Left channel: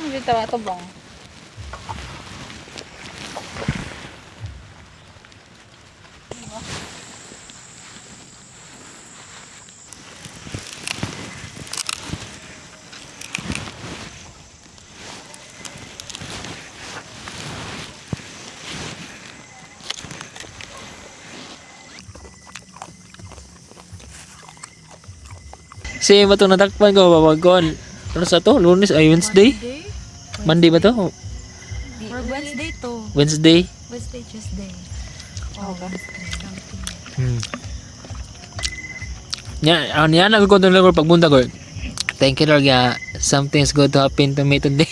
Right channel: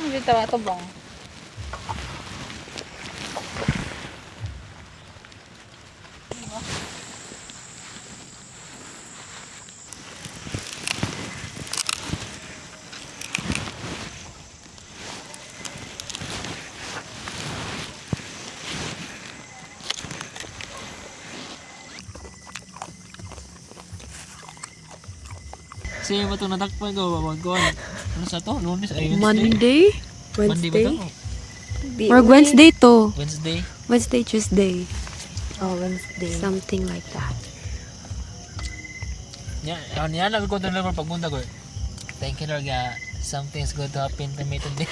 Asa mo dito ato bang? Si ba ito natakpan ko, babagkuhan. Ano sa to? Lunes ay Wednesday? Monday ba to? Or Wednesday to. Wednesday? Wednesday, Tuesday. Oh, Wednesday. Something like that. Yan ako konton lang pag bunta ko. Thank you Lord, something's good to happen to me today.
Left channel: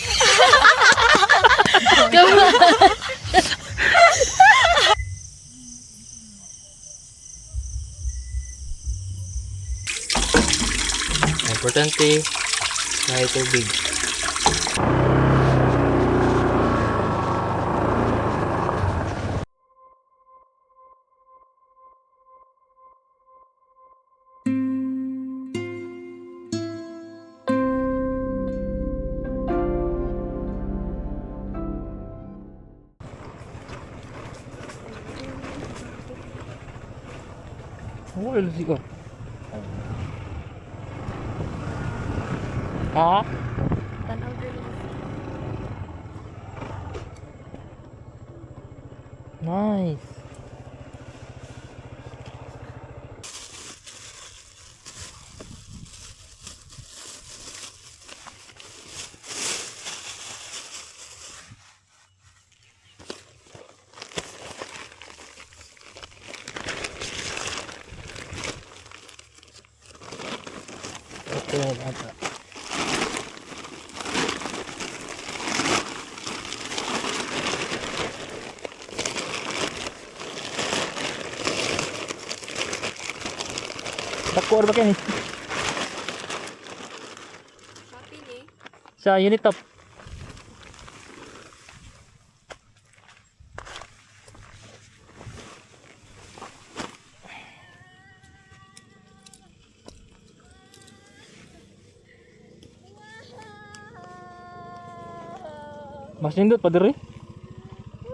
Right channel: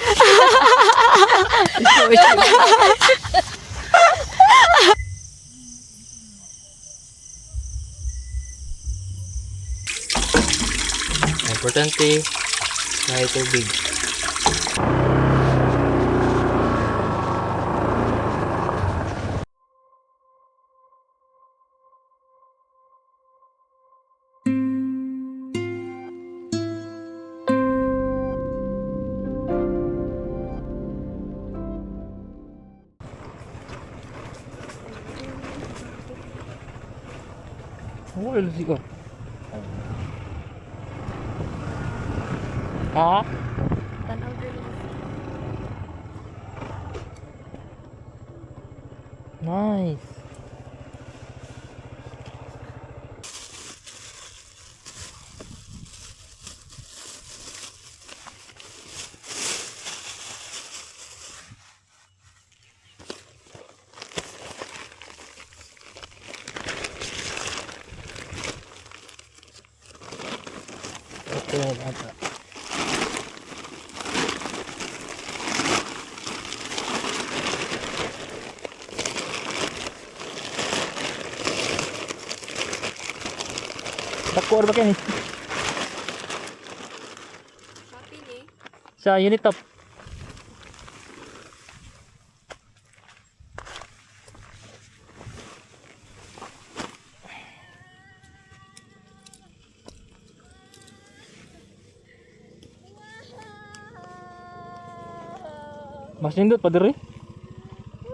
Importante may tubig. Wala siya. Ha? Nice. Okay, ata. Takor ba kini? Sa unit top. Mas nindot pa diri?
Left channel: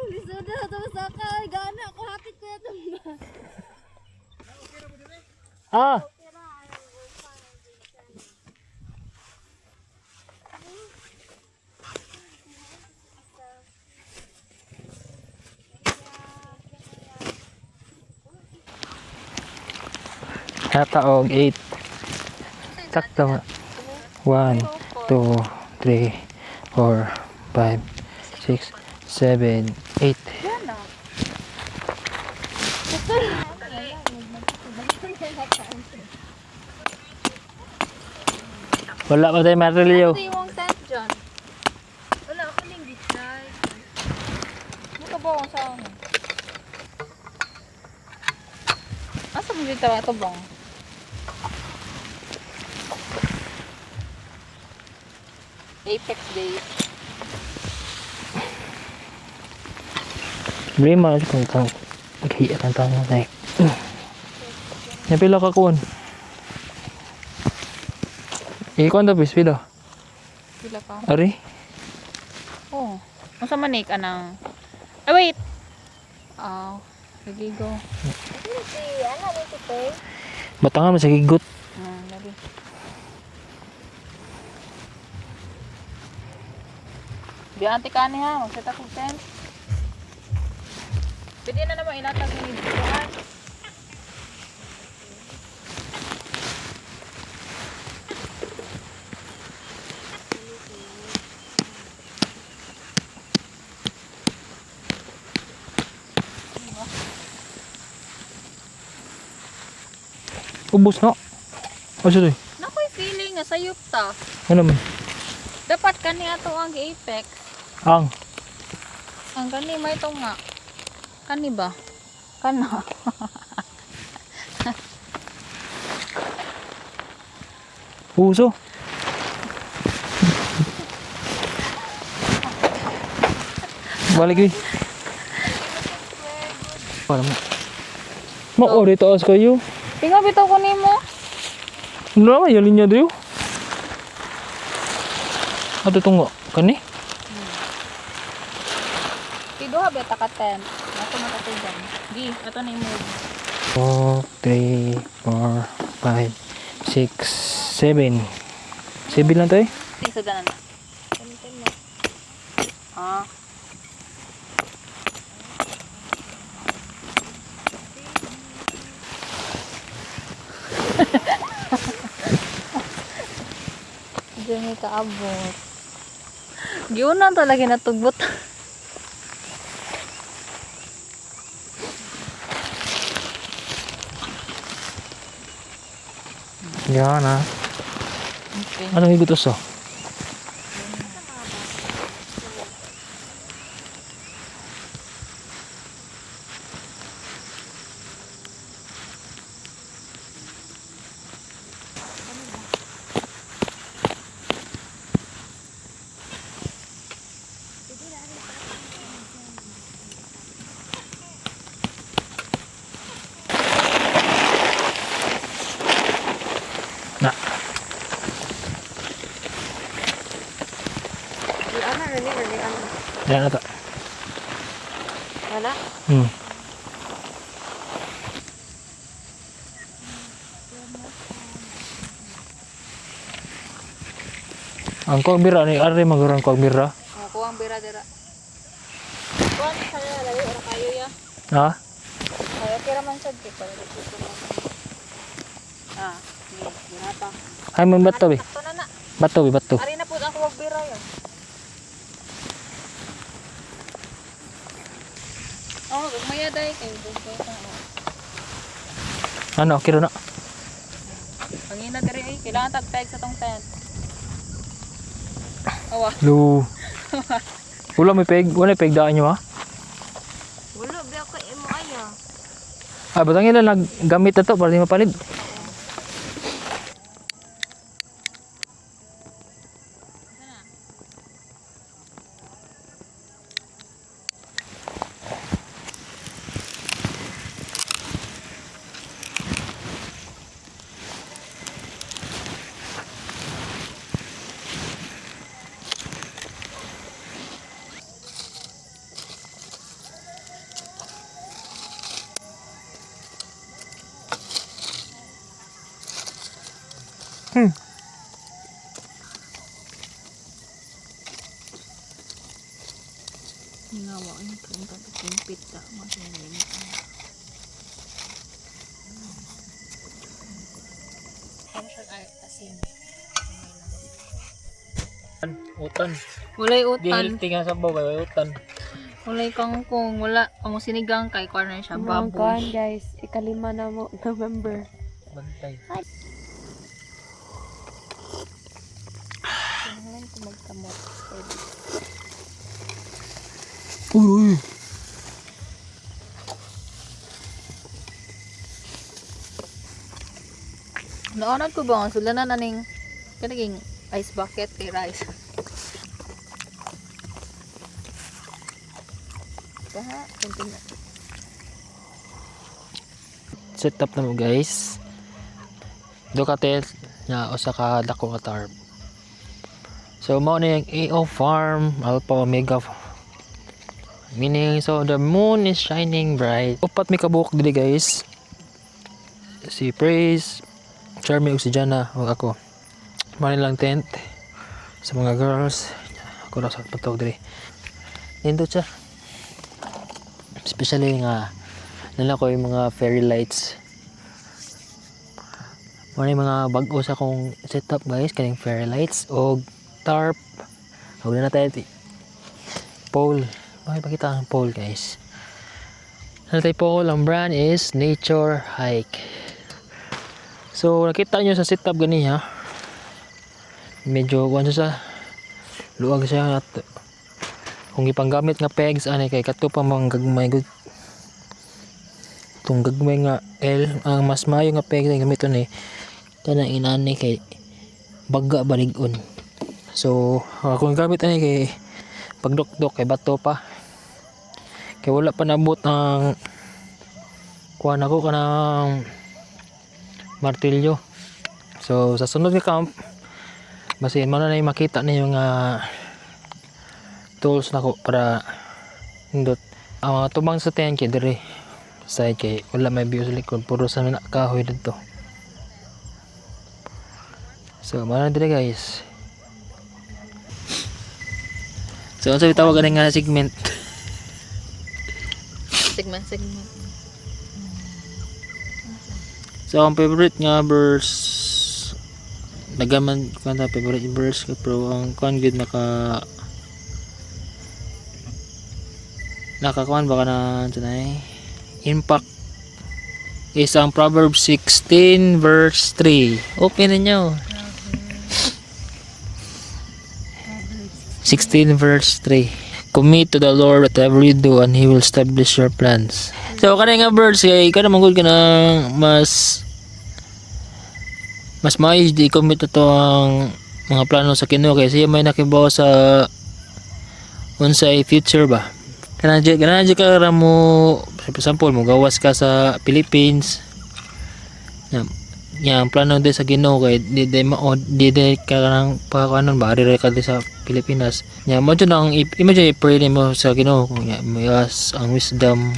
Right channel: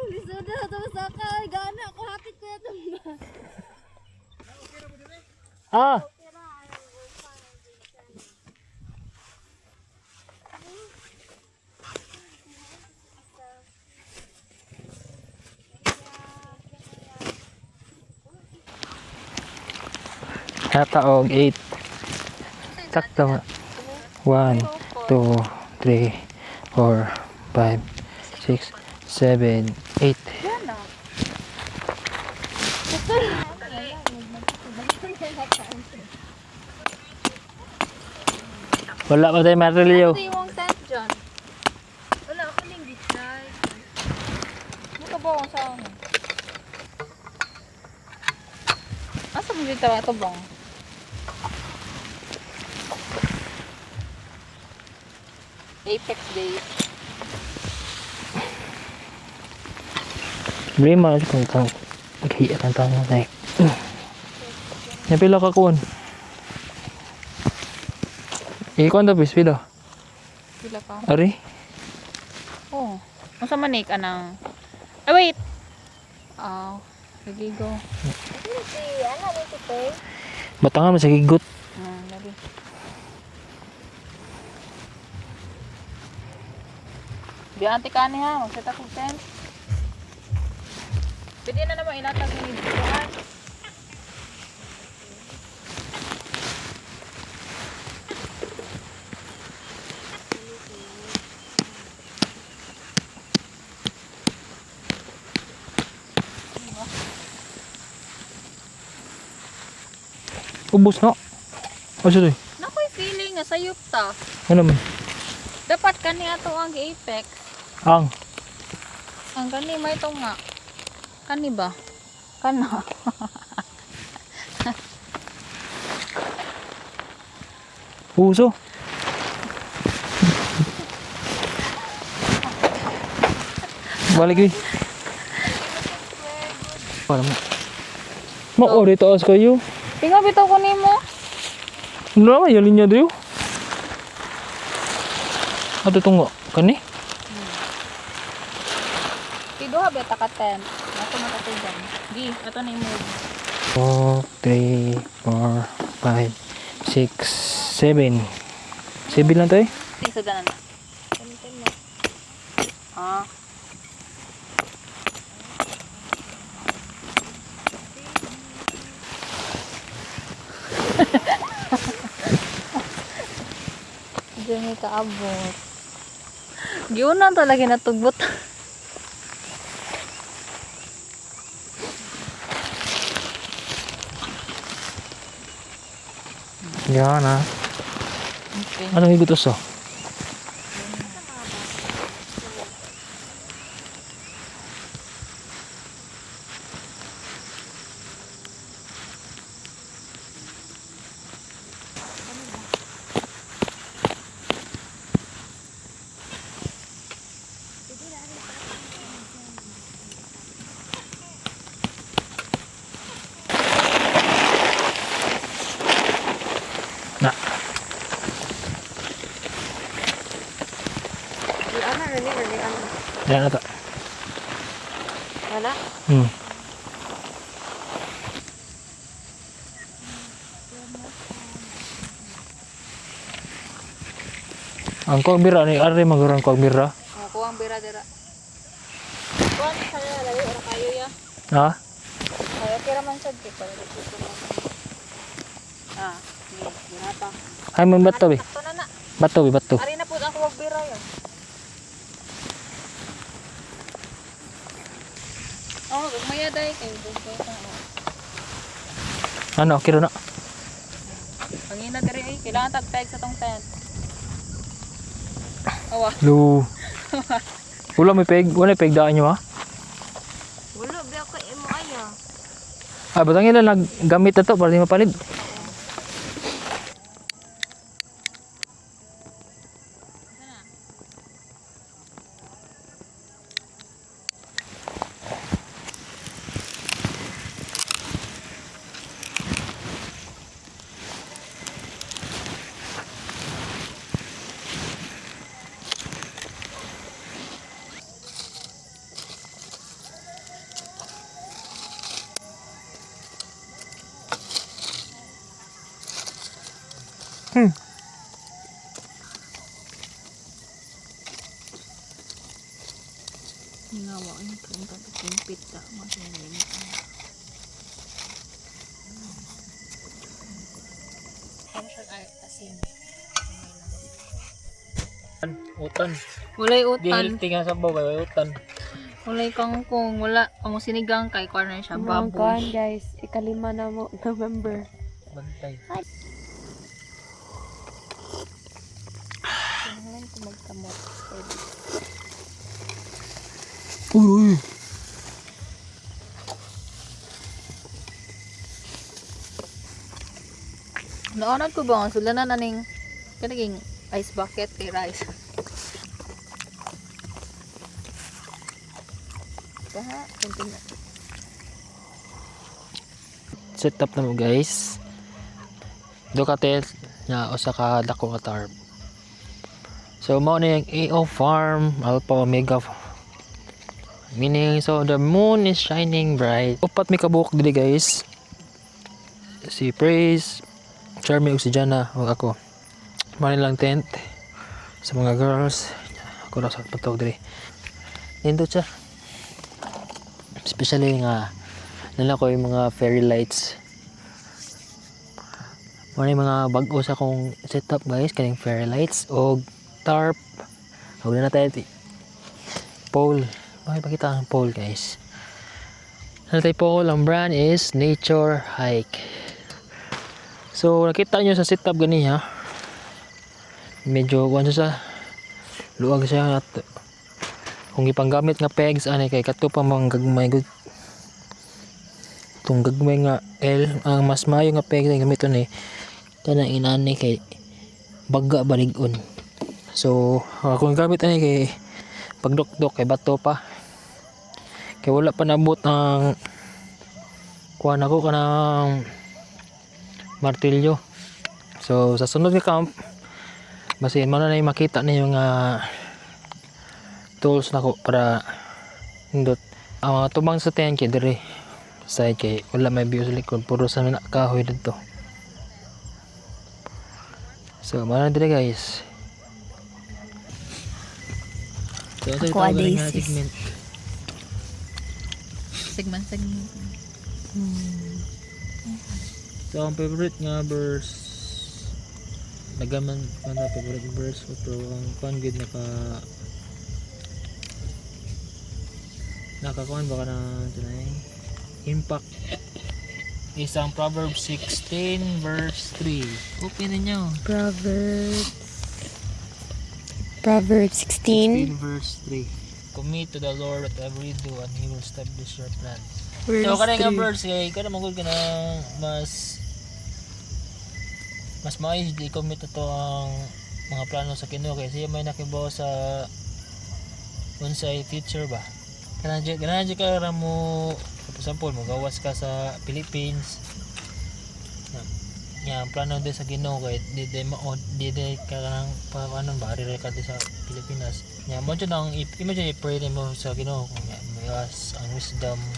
Lisod na ito sa kay. Gana ako. Hapit ko ito. Ah. Hataog 8. Sakto. 1, 2, 3, 4, 5, 6, 7, 8. Wala pa tayo marilyo. Ito yung tent dyan. Wala ako ning decide. Muka ba akong sa ano? Asa mo dito ato bang? Apex Days. Bili mo kung kang maghiya ng tanong tayo. Napila ka kuwan. Ikuan tapos pila. Pila ka? Ari? Oh. Unsa man ni ka nang... Ah, wait! Oh, sige go. Batangan mo sa gigot. Lagi. Bianti ka ni ha, magset ako tent. Pwede na naman ilatag ni Buwan. Ubus na. Asa to? Nakoy feeling nga sayop ta. Ano man? Dapat kani ato ang Apex. Ang. Ang kani may ito nga. Kani ba? Kana. Puso. Balik yun. Para mo. Ma-ori taas kayo. Tinga bitaw ko nimo. Ano naman, yalin niya dayo. At ito nga. Kani? Tiduha ba ta ka tent? Ako matatugan. Di, ato na i-move. 4, 3, 4, 5, 6, 7. 7 lang to eh. Isa danan na. Ah. Diyan may kaabot. Giunan talaga natugbot. Yan ah. Okay. Anong higutos oh? Na. Yan na to. Wala? Hmm. Ang kuwagbira ni ari magurang kuwagbira. Oh, kuwang bira dira. Kuwang sa layo ora kayo ya. Ha? Kaya kira man sad kay para dito mo. Ah, ni ginata. Ay man bato be. Sakto na na. Bato be bato. Ari na pud ang kuwang bira ya. Oh, gumaya day kay bugay ka. Ano kiro na? Pangina diri ay kailangan tagpeg sa tong tent. Awa. Lu. Wala may peg, wala peg daan nyo ha? Wala, ba ako imo aya. Ah, batang ilan naggamit na to para di mapalid. Ginawa ko yung punta sa kumpit sa masinilin ko. Ano siya ay asin? Utan. Walay Di utan. healthy nga sa babae, utan. Walay kangkong. Wala. Amo sinigang kay corner siya. Kuan Baboy. guys, ikalima na mo November. Bantay. Tingnan ko magkamot. Uy. Naonad ko ba? Sula na naning kanaging ice bucket kay rice. Baha. Kunting na. Set up na mo guys. Do ka tel na usa ka dako ka tarp. So mao na yung AO farm, Alpha Omega. Meaning so the moon is shining bright. Upat may kabuok dili guys. Si Praise, Charmy ug si Jana ug ako. Mao lang tent sa mga girls. Ako ra sa patog diri. Nindot siya. Especially nga nala ko yung mga fairy lights. Mao yung mga bag-o sa akong setup guys, kaning fairy lights og tarp. Huwag na tayo pole. Makipakita ang pole guys. Ano tayo pole? Ang brand is Nature Hike. So nakita nyo sa setup gani ha. Medyo kuwan sa luwag siya at kung ipanggamit nga pegs ani kay kato pa mga gagmay good. Itong gagmay nga L ang mas mayo nga pegs ang gamiton ni kanang inani kay baga balig-on. So kung gamit ani kay pagdok-dok kay bato pa. Kay wala pa nabot ang kuha na ko kanang martilyo. So sa sunod nga camp basin mo na makita ninyo nga tools na ko para hindot. Ang mga tubang sa tiyan kay diri side kay wala may view sa likod, puro sa mga kahoy dito. So mana diri guys. So ang sabi tawag nga segment. Segment. So ang favorite nga verse nagaman kanta favorite verse ka pero ang kuan gud nakakuan baka na tunay impact is ang Proverbs 16 verse 3. Open ninyo. Proverbs 16 verse 3. Commit to the Lord whatever you do and He will establish your plans. So kanang nga verse kay kada manggod ka na mas maayos di commit to ang mga plano sa Ginoo kay siya may nakibaw sa unsay future ba. Kanang ka ra mo for example mo gawas ka sa Philippines. Yang plano di sa Ginoo kay di ka nang pakanon ba ari ka di sa Pilipinas. Nya mo jud ang imagine pray mo sa Ginoo kung may ang wisdom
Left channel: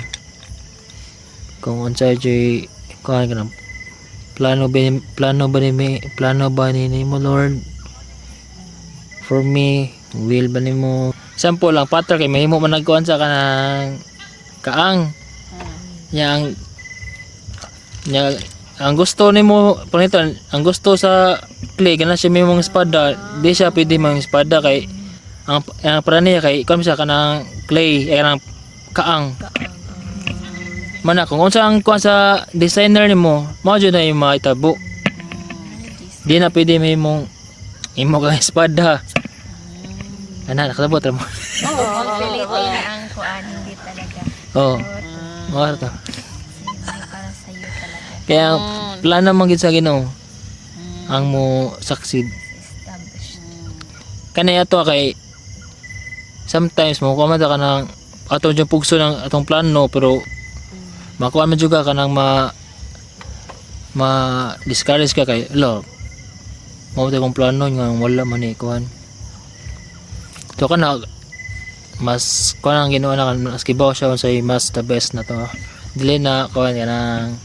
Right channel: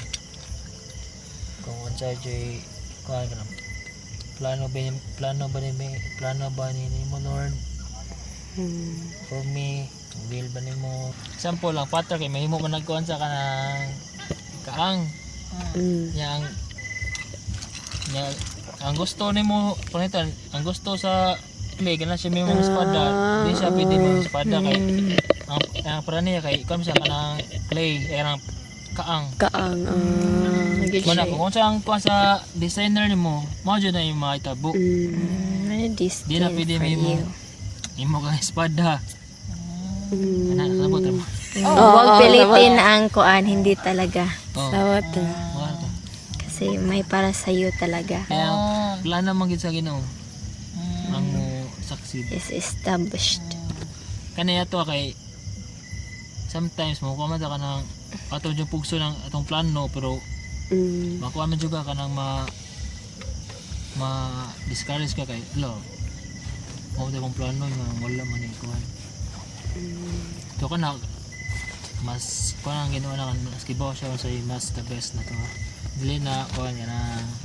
kung unsay jay kuan kanang plano ba ni mo Lord for me will ba nimo sample lang pattern kay mahimo man nagkuan sa kanang kaang yang ang gusto nimo panito ang gusto sa clay kana siya mimong espada di siya pwede mang espada kay ang para niya kay kom siya kanang clay kanang kaang mana kung unsa ang kuan sa designer nimo mao jud na yung maitabo di na pwede mimong imo ka espada ana nakasabot ra mo Oo, pilitin ang kuan, hindi talaga. oh Kasi may para sa iyo talaga. kaya plano man gid sa Ginoo ang mo succeed Is established. kanay ato kay sometimes mo kuha man ka nang atong yung pugso ng atong plano pero makuha man jud ka kanang discourage ka kay lo mao ta kong plano nga wala man ni kuan so kana mas kuan ang Ginoo na mas kibaw siya unsay mas the best na to dili na kuan kanang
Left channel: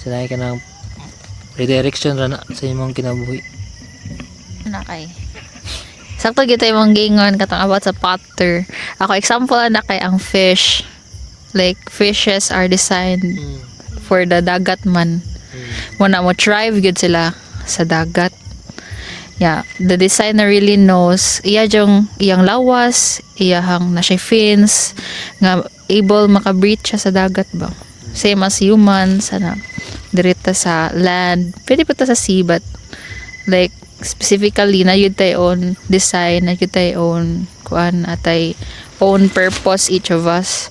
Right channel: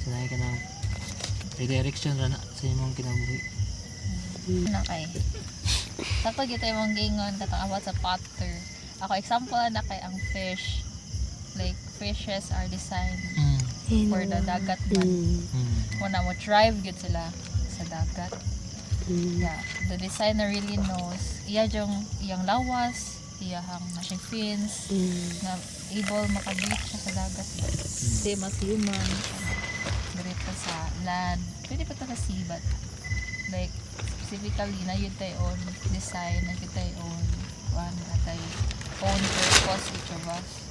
sanay ka ng redirection ra na sa imong kinabuhi Na kay. Sakto gyud tay mong gingon katong about sa potter. Ako example na kay ang fish. Like fishes are designed for the dagat man. Muna mo thrive gyud sila sa dagat. Yeah, the designer really knows iyang lawas, iyang na siya fins nga able maka-breathe siya sa dagat ba. Same as humans ana dirita sa land. Pwede pa ta sa sea but like specifically na yun tayo own design, na yun tayo own kuan atay own purpose each of us.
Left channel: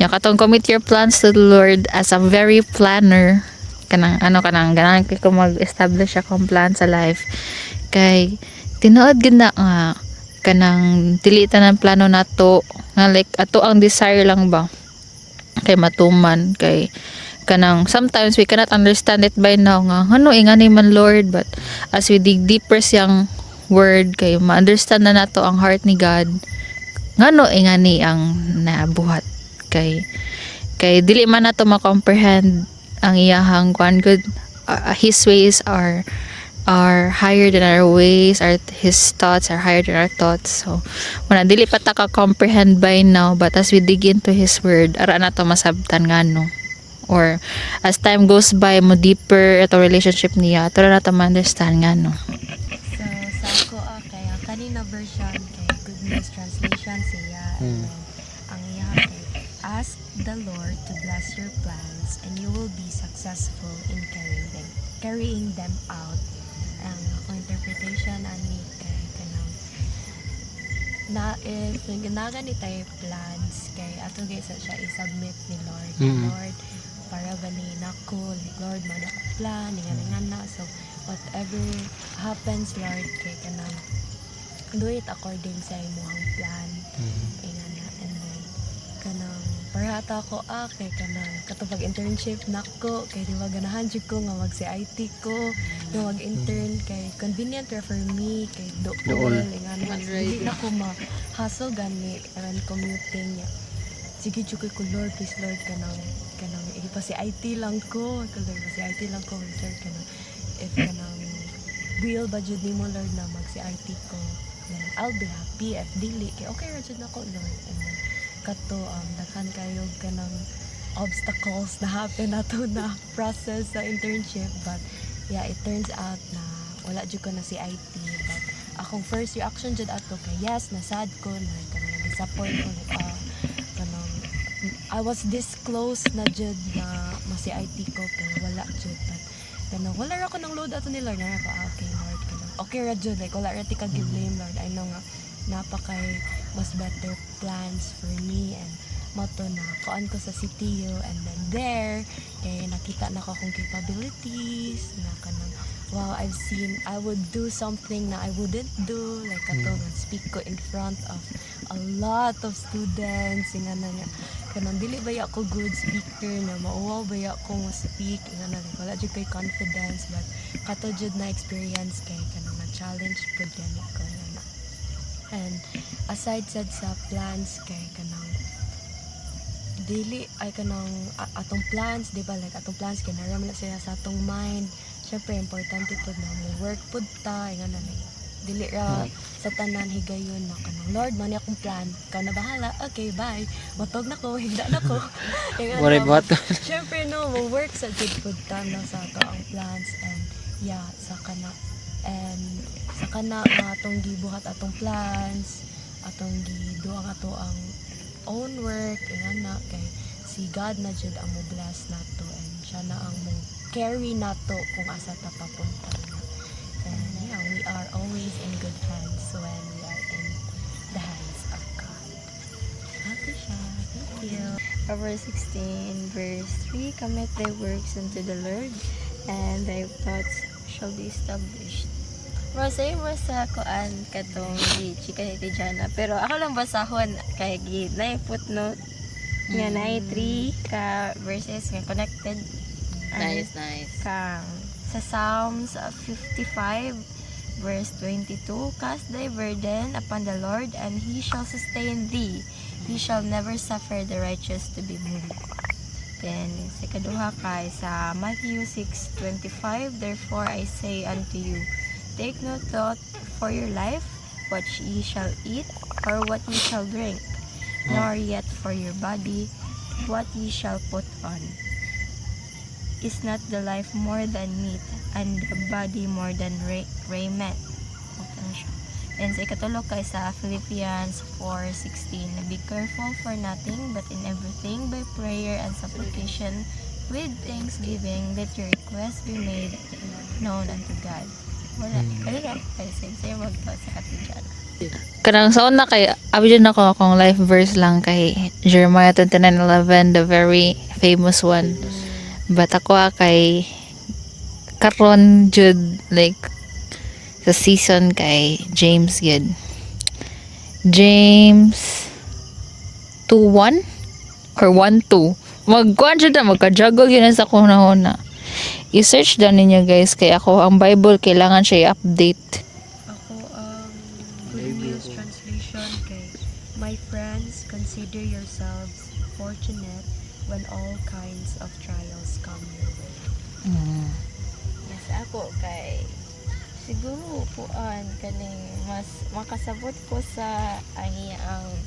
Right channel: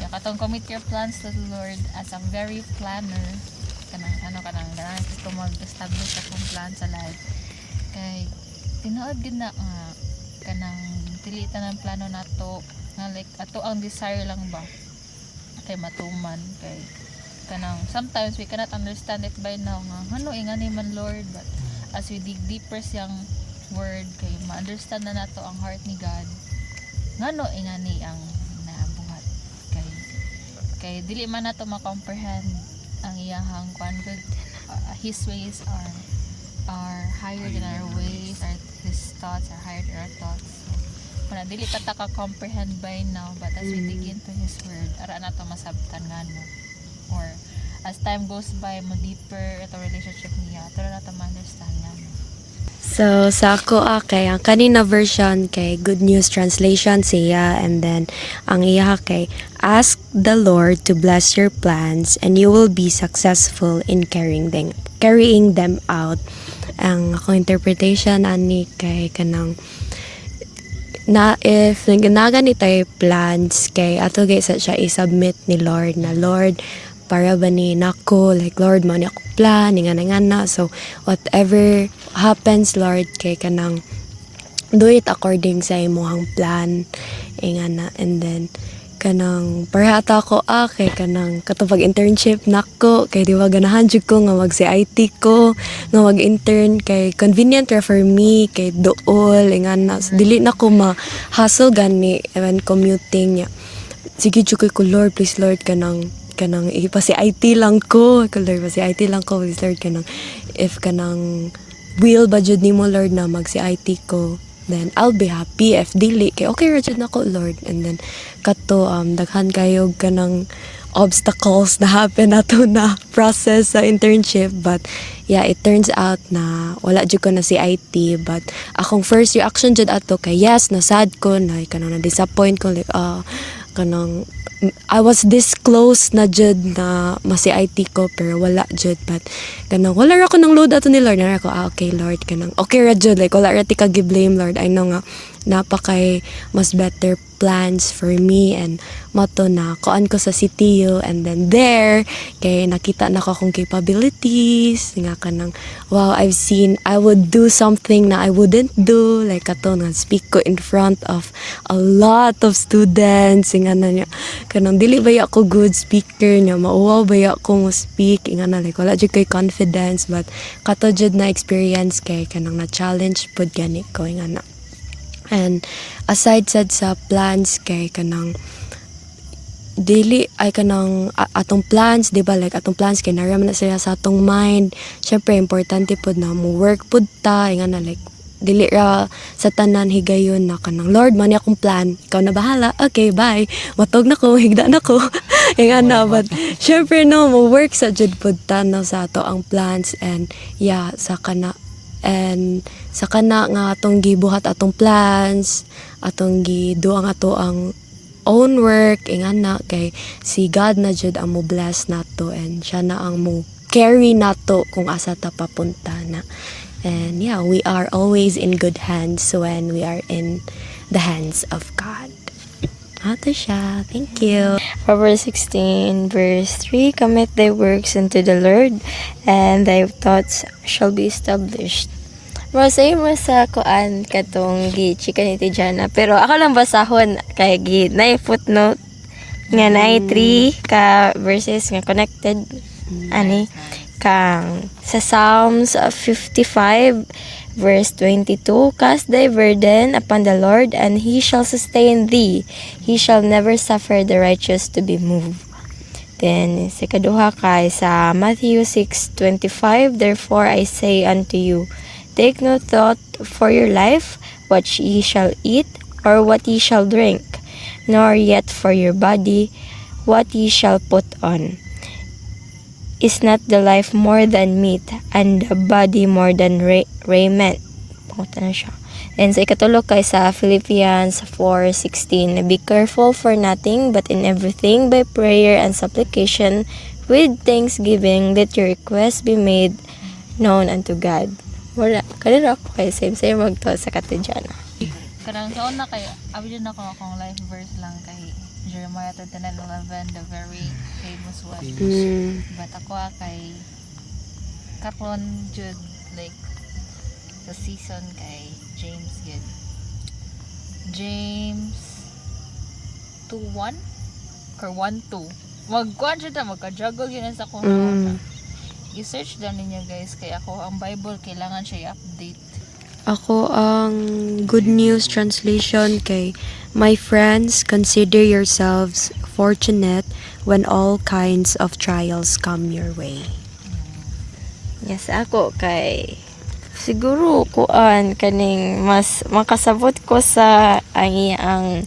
Yung katong commit your plans to the Lord as a very planner kanang ganang ko mag-establish akong plan sa life kay tinuod gid na nga kanang tilitan ang plano nato nga like ato ang desire lang ba kay matuman kay kanang sometimes we cannot understand it by now nga ano ingani man Lord but as we dig deeper siyang word kay ma-understand na nato ang heart ni God ngano ingani ang nabuhat kay dili man nato ma-comprehend ang iyahang kuan good his ways are higher than our ways, his thoughts are higher than our thoughts. So wala dili pa ta ka comprehend by now but as we dig into his word ara na to masabtan ngano or as time goes by mo deeper ito relationship niya to na to ma-understand ngano. So, sa ako kay ang kanina version kay Good News Translation siya and then ang iya kay ask the Lord to bless your plans and you will be successful in carrying them out. Ang akong interpretation ani kay kanang na if naganagan ni tayo plans kay ato gay sa siya i-submit ni Lord na Lord para ba ni nako like Lord man ako plan ingana so whatever happens Lord kay kanang do it according sa imong plan ingana and then kanang parehata ko kay kanang katong internship nako kay di ba ganahan jud ko nga mag CIT ko nga mag-intern kay convenient ra for me kay dool ingana dili na ko ma-hustle gani when commuting niya. Sige jud ko Lord, please Lord kanang ipa CIT lang ko Lord, pa CIT lang ko please Lord kanang if kanang will ba jud nimo Lord na mag CIT ko, then I'll be happy. If dili kay okay ra jud nako Lord. And then kato daghan kayo kanang obstacles na happen nato na process sa internship, but yeah, it turns out na wala jud ko na CIT. But akong first reaction jud ato kay yes, nasad ko na kanang na disappoint ko like kanang I was this close na jud na ma-CIT ko pero wala jud. But kanang wala ra ko nang load ato ni Lord na ako okay Lord kanang okay ra jud like wala ra ti ka gi-blame Lord. I know nga napakay mas better plans for me and mato na kuan ko sa CTU. And then there kay nakita na ko akong capabilities nga kanang wow, I've seen I would do something na I wouldn't do like kato nga speak ko in front of a lot of students nga na niya kanang dili ba ako good speaker niya mauwaw ba ako mo speak nga na like wala jud kay confidence. But kato jud na experience kay kanang na challenge pud gani ko nga na. And aside sad sa plans kay kanang dili ay kanang atong plans di ba like atong plans kay naram na siya sa atong mind. Syempre importante pud na mo work pud ta nga na like dili ra sa tanan higayon na kanang Lord man akong plan ikaw na bahala okay bye matog na ko higda na ko nga na. But syempre no mo work sa jud pud ta no sa ato ang plans. And yeah sa kana nga atong gibuhat atong plans atong gido ang ato ang own work ingana kay si God na jud ang mo bless nato and siya na ang mo carry nato kung asa ta papunta na. And yeah, we are always in good hands when we are in the hands of God. Ato siya. Thank you. Proverbs 16 verse 3, commit thy works unto the Lord, and thy thoughts shall be established. Masay mo sa kuan katong gi-chika ni Tijana. Pero ako lang basahon kay na footnote nga na 3 ka verses nga connected ani kang sa Psalms 55 verse 22, cast thy burden upon the Lord, and he shall sustain thee. He shall never suffer the righteous to be moved. Then sa kaduha kay sa Matthew 6:25, therefore I say unto you, take no thought for your life, what ye shall eat, or what ye shall drink, nor yet for your body, what ye shall put on. Is not the life more than meat, and the body more than raiment? Pumunta na siya. And sa ikatulo kay sa Philippians 4:16, be careful for nothing, but in everything by prayer and supplication, with thanksgiving, let your requests be made known unto God. Wala. Kanina ako kay same magto sa Katijana. Kanang sa una kay abidyan ako akong life verse lang kay Jeremiah 29:11, the very famous one. But ako kay karon jud like sa season kay James gid. James 2:1 or 1:2. Magkuan jud na magka-juggle yun sa kuna. I-search dan ninyo guys kay ako ang Bible kailangan siya i-update. Ako ang Good News Translation kay my friends, consider yourselves fortunate when all kinds of trials come your way. Yes, ako kay siguro kuan kaning mas makasabot ko sa ang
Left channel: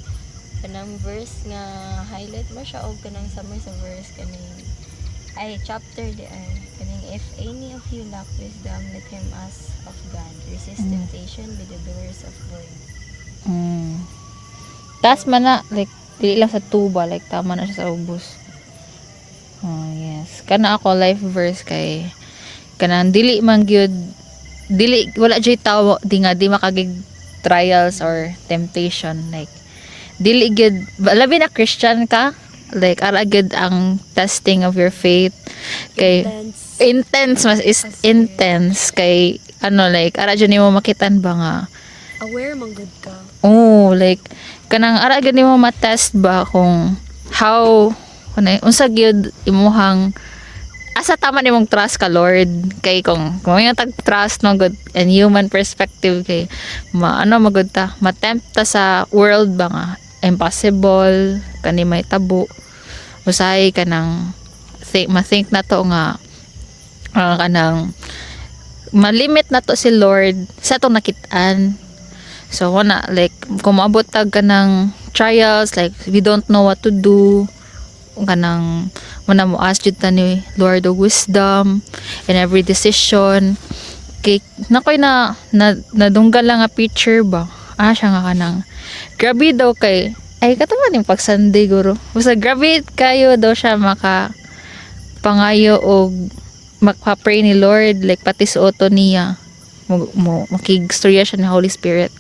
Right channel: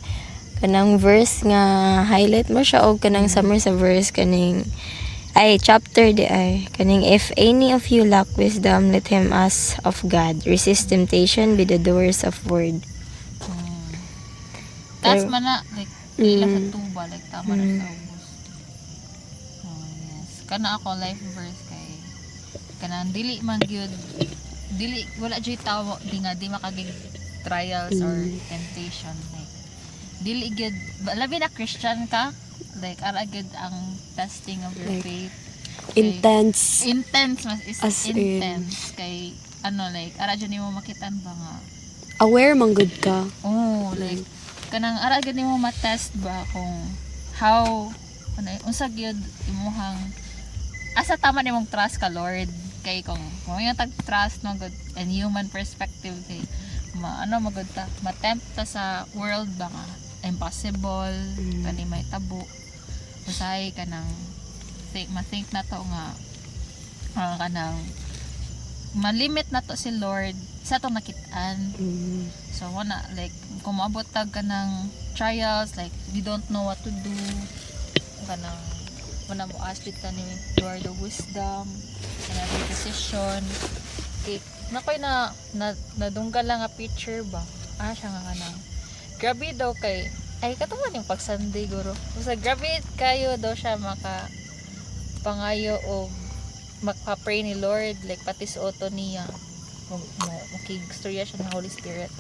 kanang verse nga highlight mo siya og kanang summary sa verse kaning chapter di ay kaning if any of you lack wisdom, let him ask of God. Resist temptation with the doers of word. Tas man na like dili lang sa tuba like tama na siya sa ubos. Oh yes. Kana ako life verse kay kanang dili man gyud dili wala jay tawo di makagig trials or temptation like dili gyud labi na Christian ka like ara gyud ang testing of your faith kay intense mas is As intense kay ano like ara jud nimo makitan ba nga aware man good ka. Oh, like kanang ara gani mo ma-test ba kung how unsa gyud imuhang asa tama nimong trust ka Lord kay kung yung tag trust no good and human perspective kay ano magud ta matempt ta sa world ba nga impossible kani may tabo usay kanang ma-think na to nga kanang malimit na to si Lord sa atong nakit-an. So wana like kung maabot tag kanang trials like we don't know what to do kanang muna mo ask jud ta ni Lord of wisdom in every decision kay nakoy nadunggal lang nga picture ba siya nga kanang grabe daw kay ay katuman yung pag Sunday guro basta grabe kayo daw siya maka pangayo og magpa-pray ni Lord like pati suoto niya mo makigstorya siya ni Holy Spirit.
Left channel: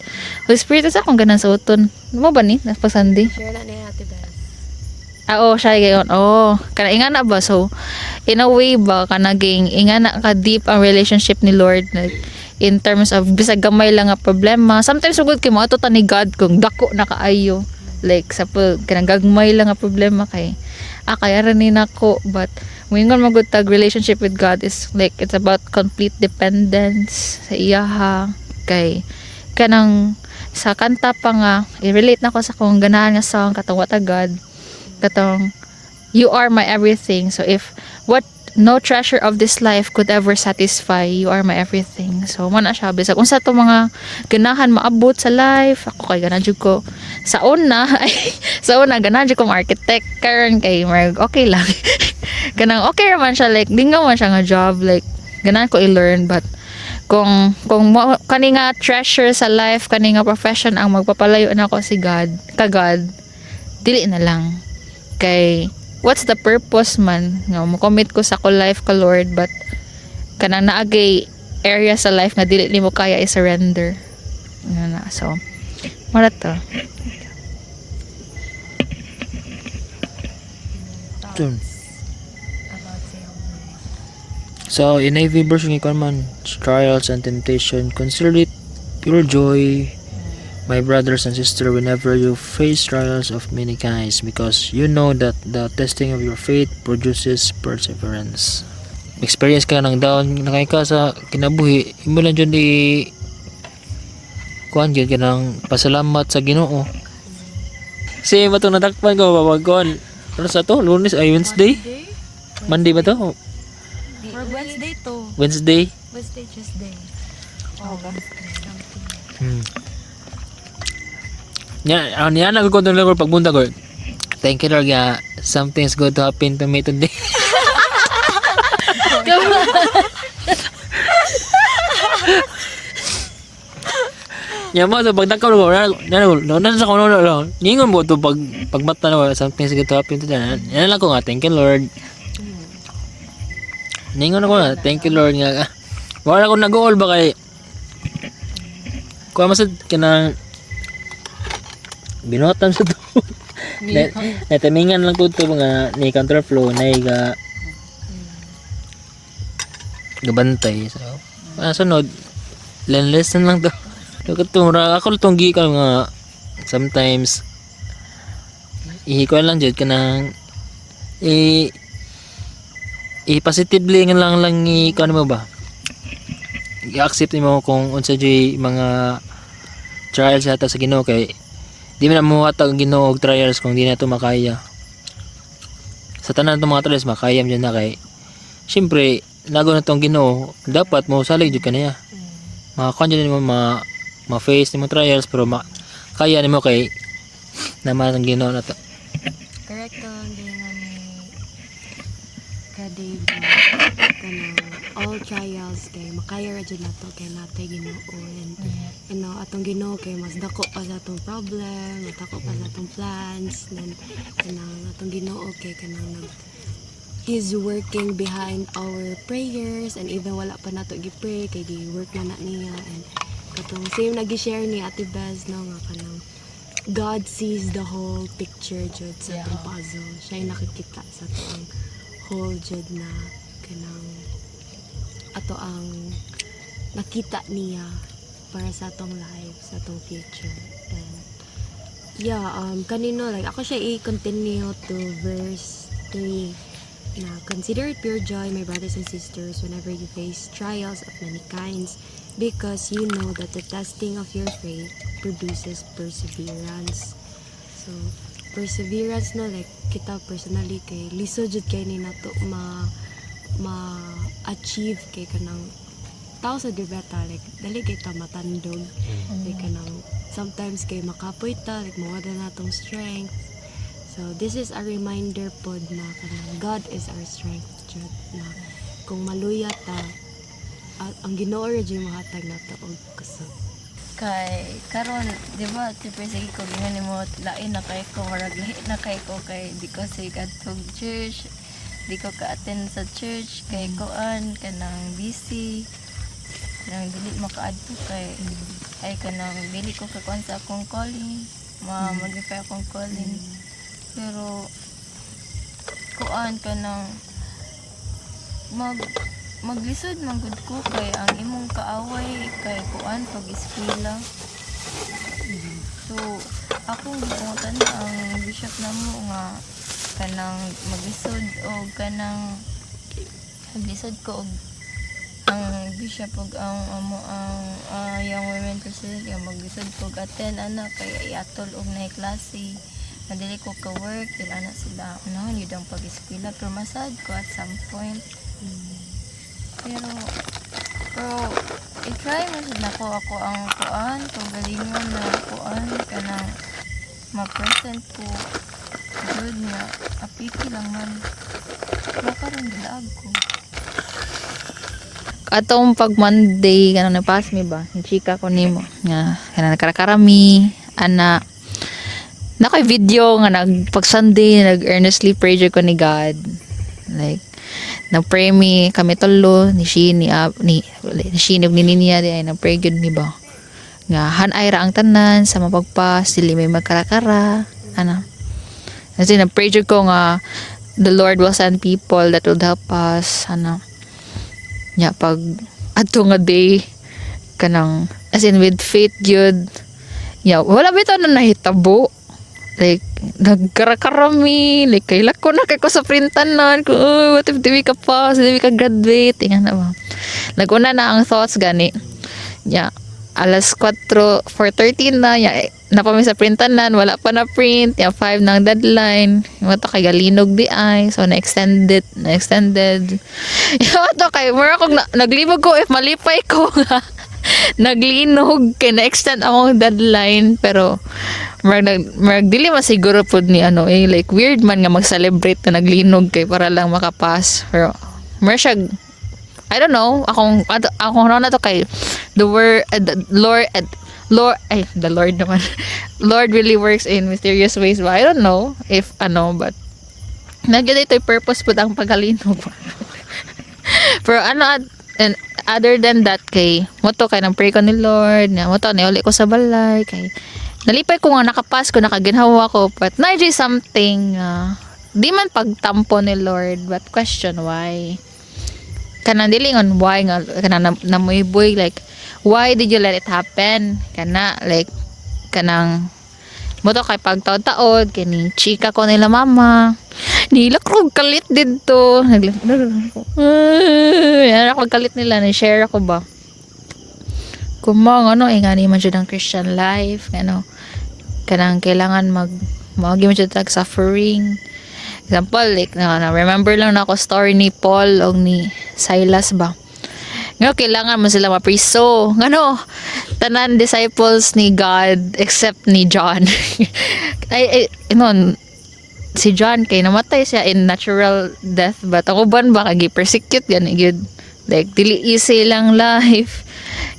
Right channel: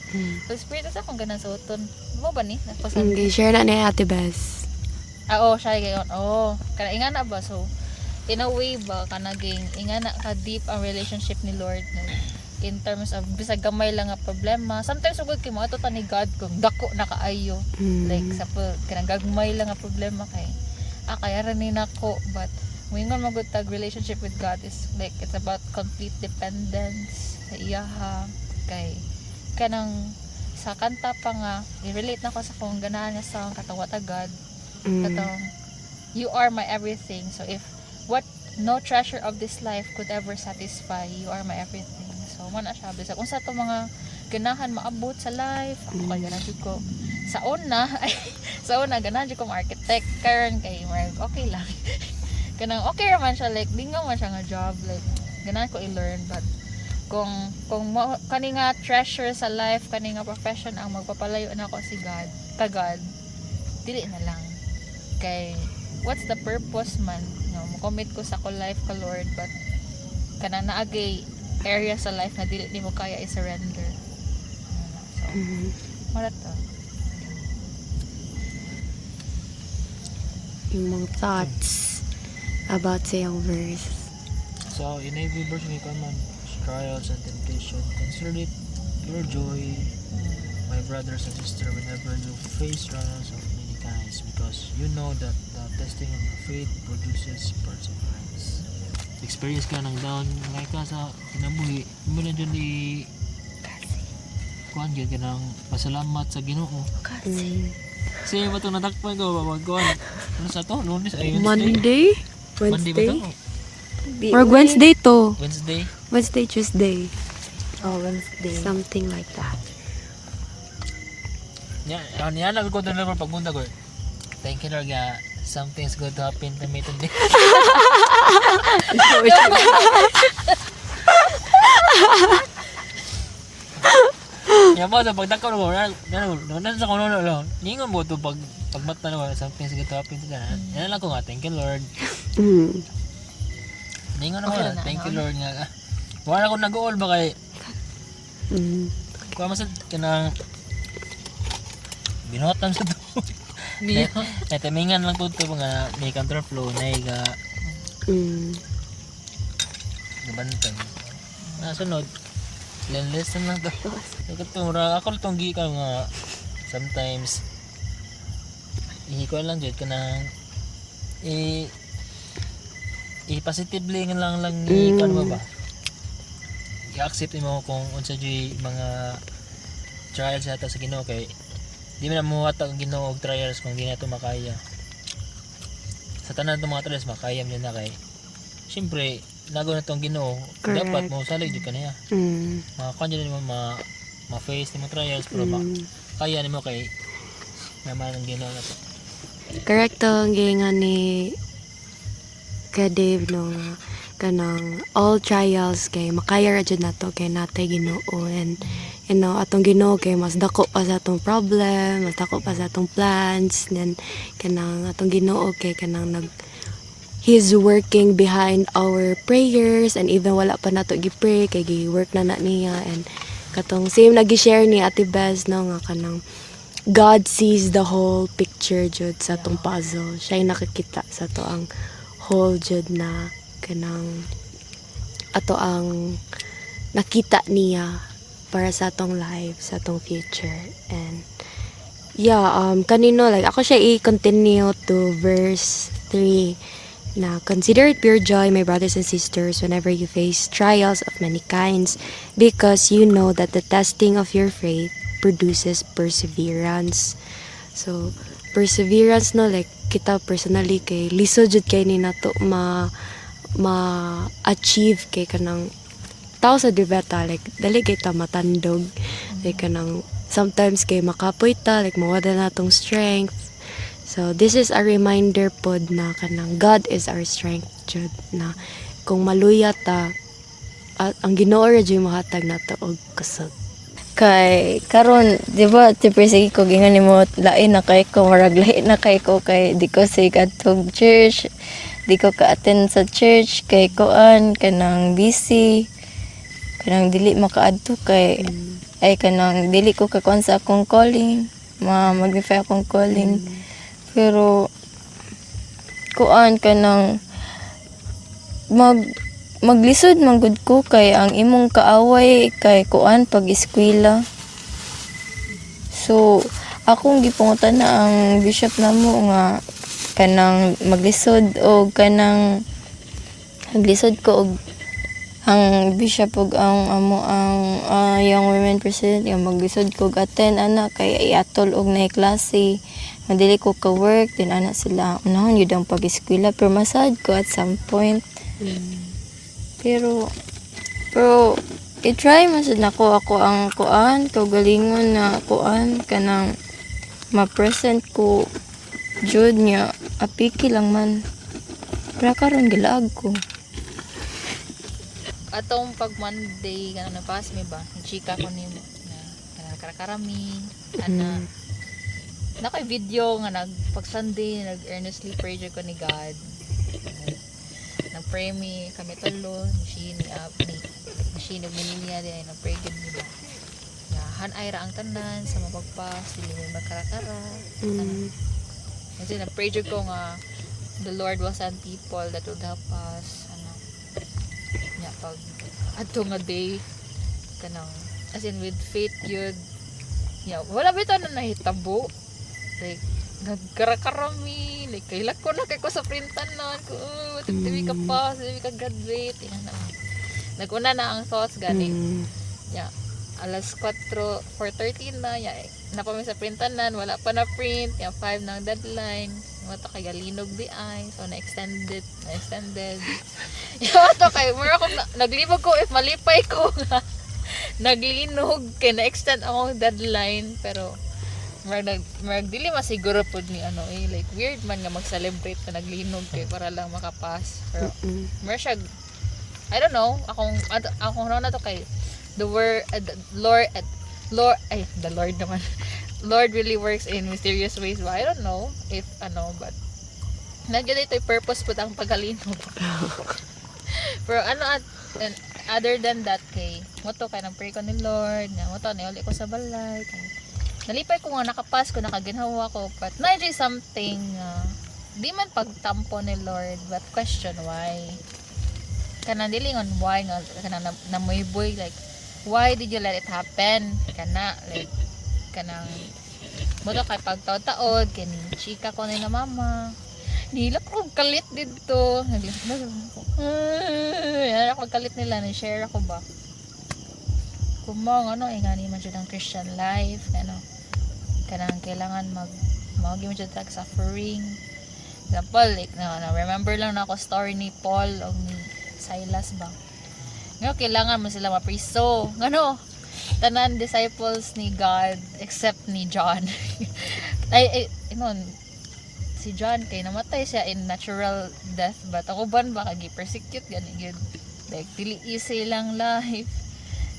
Holy Spirit sa akong ganan suoton mo ba ni na pag Sunday Share na ni Ate Bes. oo siya gayon kana ingana ba so in a way ba kanaging ingana ka deep ang relationship ni Lord like in terms of bisag gamay lang nga problema sometimes sugod kay mo ato ta ni God kung dako na kaayo like sa kanang gagmay lang nga problema kay kaya rin nako but Wingon magud tag relationship with God is like it's about complete dependence sa iyaha kay kanang sa kanta pa nga i-relate nako sa kung ganahan nga song katong what a God katong you are my everything so if what no treasure of this life could ever satisfy you are my everything so man na siya bisag unsa to mga ganahan maabot sa life ako kay ganahan jud ko sa una ganahan jud ko architect karon kay okay lang ganang okay raman siya like di nga man siya nga job like ganahan ko i-learn but kung kani nga treasure sa life kani nga profession ang magpapalayo nako si God dili na lang kay what's the purpose man nga mo commit ko sa ko life ka Lord but kanang naagay area sa life nga dili nimo kaya i-surrender na so mara to Mga thoughts about sa yung verse. So, in every verse ng ikaw man, trials and temptation, consider it pure joy, my brothers and sisters, whenever you face trials of many kinds, because you know that the testing of your faith produces perseverance. Experience ka ng down, nakay ka sa kinabuhi, imo lang dyan kuan gyud ka ng pasalamat sa Ginoo. Kasi matong natakpan ko, papagkuhan. Ano sa to? Lunes ay Wednesday? Monday ba to? Or Wednesday to. Wednesday? Wednesday, Tuesday. Wednesday. Something like that. Yan ang kukuntan lang ko pagbunta ko. Thank you Lord nga something's good to happen to me today. Yan mo so pag nakaw ko nan sa kono lang. Ningon mo to pagmata na something's good to happen today. Yan lang ko nga thank you Lord. Ningon ako na thank you Lord nga. Wala ko nag-all ba kay kuha masad kanang binuhatan sa to. Natamingan lang ko ito mga ni counterflow na iga gabantay. So, sunod, lesson lang to. Ako itong gi ka nga sometimes ihikuan lang dyan ka nang i-positively nga lang i-kuan mo ba? I-accept mo kung unsa jay mga trials yata sa Ginoo kay di man mo hatag ang Ginoo og trials kung di na to makaya. Sa tanan ng mga trials makaya man na kay syempre nago na tong Ginoo dapat mo salig jud kaniya. Makakuan jud mo ma-face nimo trials pero kaya nimo kay naman ang Ginoo na to. Correct to ang gingan ni ka Dave no kanang all trials kay makaya ra jud nato kay natay Ginoo and you know atong Ginoo kay mas dako pa sa atong problem, mas dako pa sa atong plans then kanang atong Ginoo kay kanang He's working behind our prayers and even wala pa nato gi-pray kay gi-work na niya and katong same nagi-share ni Ate Bez no nga kanang God sees the whole picture jud sa atong puzzle. Siya nakakita sa to ang whole jud na kanang ato ang nakita niya para sa atong life, sa atong future. And yeah, kanino like ako siya i-continue to verse 3 na consider it pure joy, my brothers and sisters, whenever you face trials of many kinds, because you know that the testing of your faith produces perseverance. So perseverance no, like kita personally kay lisod jud kay ni nato ma-achieve kay kanang tao sa dibeta, like dali kay ta matandog, like kanang sometimes kay makapoy ta, like mawala na tong strength. So this is a reminder pod na kanang God is our strength jud, na kung maluya ta at ang Ginoo ra jud mahatag nato og kusog. Kay karon di ba tipre ko gingan nimo lain na kay ko, marag lain na kay ko, kay di ko say katong church, di ko ka-attend sa church kay koan kanang busy, kanang dili makaadto kay ay kanang dili ko kakuan sa akong calling, mag-verify akong calling. Pero kuan kanang maglisod manggod ko kay ang imong kaaway kay kuan pag eskwela. So akong gipungutan na ang bishop namo nga kanang maglisod o kanang maglisod ko og ang bishop og ang amo ang young women president yung maglisod ko og attend ana kay iatol og na klase. Nadili ko ka work din ana sila unahon yun ang pag-eskwela, pero masad ko at some point. Pero i-try masad nako ako ang kuan galingon na kuan kanang ma-present ko jud niya apiki lang man. Pero karon gilaag ko. Atong pag Monday kanang napas mi ba, ni chika ko nimo nga kanang nagkarakarami ana nakoy video nga pag Sunday nag-earnestly pray ko ni God, like nag-pray mi kami tolo ni Shini ni Shini ug ni Ninia di ay nag-pray gud mi ba nga hanay ra ang tanan sa mapagpas dili may magkarakara ana. Kasi nag-pray ko nga the Lord will send people that will help us ana. Nya pag adto nga day kanang as in with faith gyud, nya wala bitaw na nahitabo, like nagkarakarami, like kaila ko na kay ko sa printanan ko, what if di ka pa, di ka graduate nga na ba. Naguna na ang thoughts gani. Nya alas 4:30 na ya napami sa printanan, wala pa na print, ya 5 nang deadline. Yung to kay galinog di ay, so na extended. Yung to kay mura kog naglibog ko if malipay ko nga naglinog kay na-extend ang deadline, pero marag dili masiguro pod ni ano like weird man nga mag-celebrate na naglinog kay para lang makapass. Pero mer siya I don't know, akong ano na to kay the word the Lord naman Lord really works in mysterious ways, but I don't know if but nagyan ito purpose po ang paghalinog. Pero and other than that kay moto kay nang pray ko ni Lord na moto ni uli ko sa balay kay nalipay ko nga nakapas ko nakaginhawa ko, but na something di man pagtampo ni Lord, but question why kanang dilingon why nga kanang namuiboy, like why did you let it happen kana, like kanang moto kay pagtaod-taod kini chika ko nila mama nila ko kalit dito yan ako kalit nila na share ako ba kumang ingani man jud ang Christian life kanang kailangan magi man jud tag suffering. Example, like remember lang na ako story ni Paul o ni Silas ba nga kailangan mo sila mapriso tanan disciples ni God except ni John. Si John kay namatay siya in natural death, but ako ban ba kagi persecute gani gyud, like dili easy lang life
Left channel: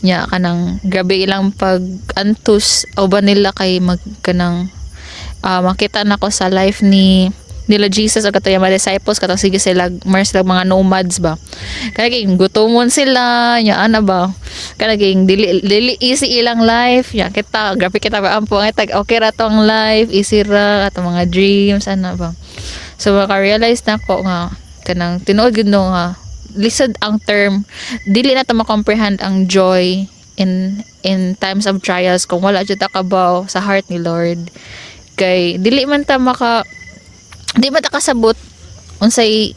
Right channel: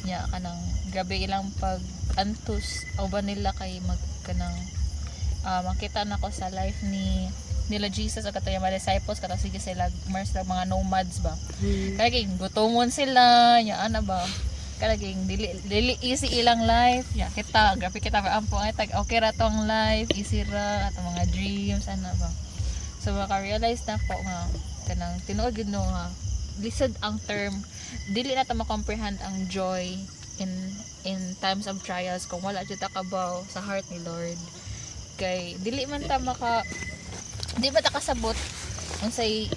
nya kanang grabe ilang pag antus o ba nila kay magkanang makita na ko sa life nila Jesus o katong mga disciples katong sige sila mga nomads ba kanang gutomon sila nya ba kanang dili easy ilang life nya kita grabe kita ba ampo nga tag okay ra tong life easy ra atong mga dreams ba. So maka-realize na ko nga kanang tinuod gud nga lisod ang term, dili na ta ma-comprehend ang joy in times of trials kung wala jud ta kabaw sa heart ni Lord kay dili man ta kasabot unsay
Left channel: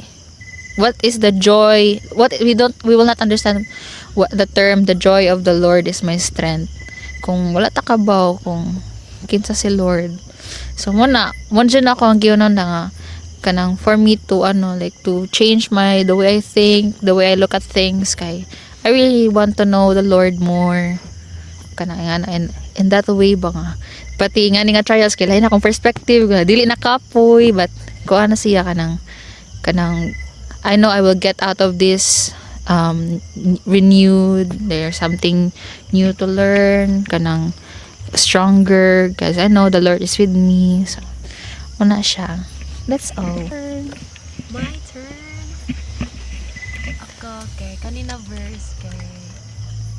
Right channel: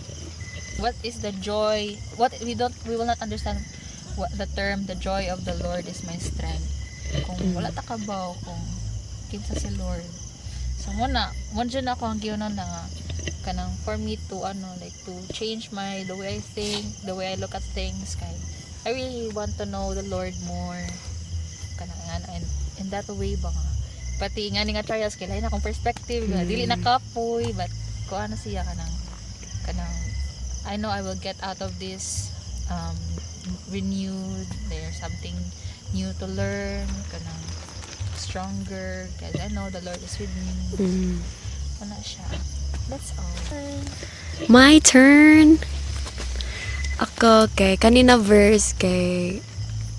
what is the joy, what we will not understand what the term the joy of the Lord is my strength kung wala ta kabaw kung kinsa si Lord. So mo dyan ako ang giyonon na nga kanang for me to like to change the way I think, the way I look at things kay I really want to know the Lord more kanang nga in that way ba nga pati nga ni nga trials kay lain akong perspective nga dili na kapoy but kuha na siya kanang I know I will get out of this renewed. There's something new to learn. Kanang stronger. Because I know the Lord is with me. So, wala siya. That's all. My turn. Ako, kay kanina verse, kay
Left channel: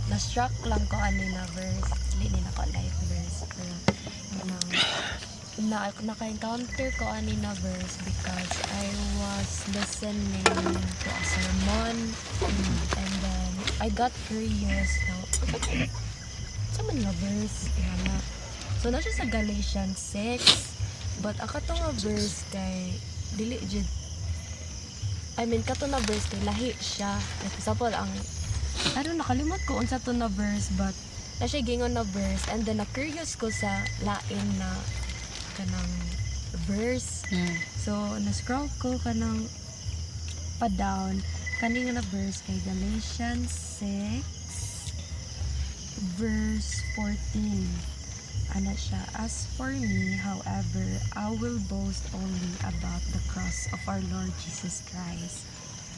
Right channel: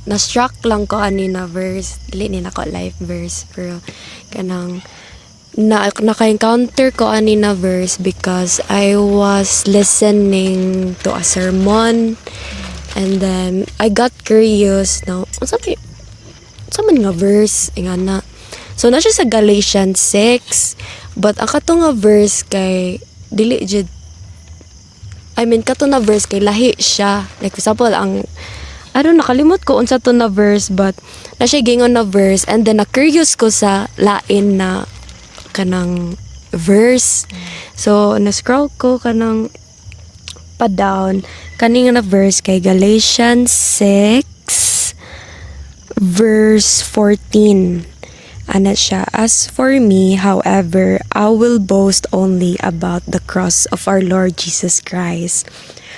na-struck lang ko kanina verse. Dili ni nako live verse. Pero, kanang naka-encounter ko anina verse because I was listening to a sermon and then I got curious now sa man nga verse nga na so na siya sa Galatians 6 but ang kato nga verse kay dili jud kato na verse kay lahi siya like for example nakalimot ko unsa to na verse but na siya gingon na verse and then na curious ko sa lain na kanang verse. So, na-scroll ko kanang pa-down. Kaning na verse kay Galatians 6 verse 14. Ana siya, as for me, however, I will boast only about the cross of our Lord Jesus Christ.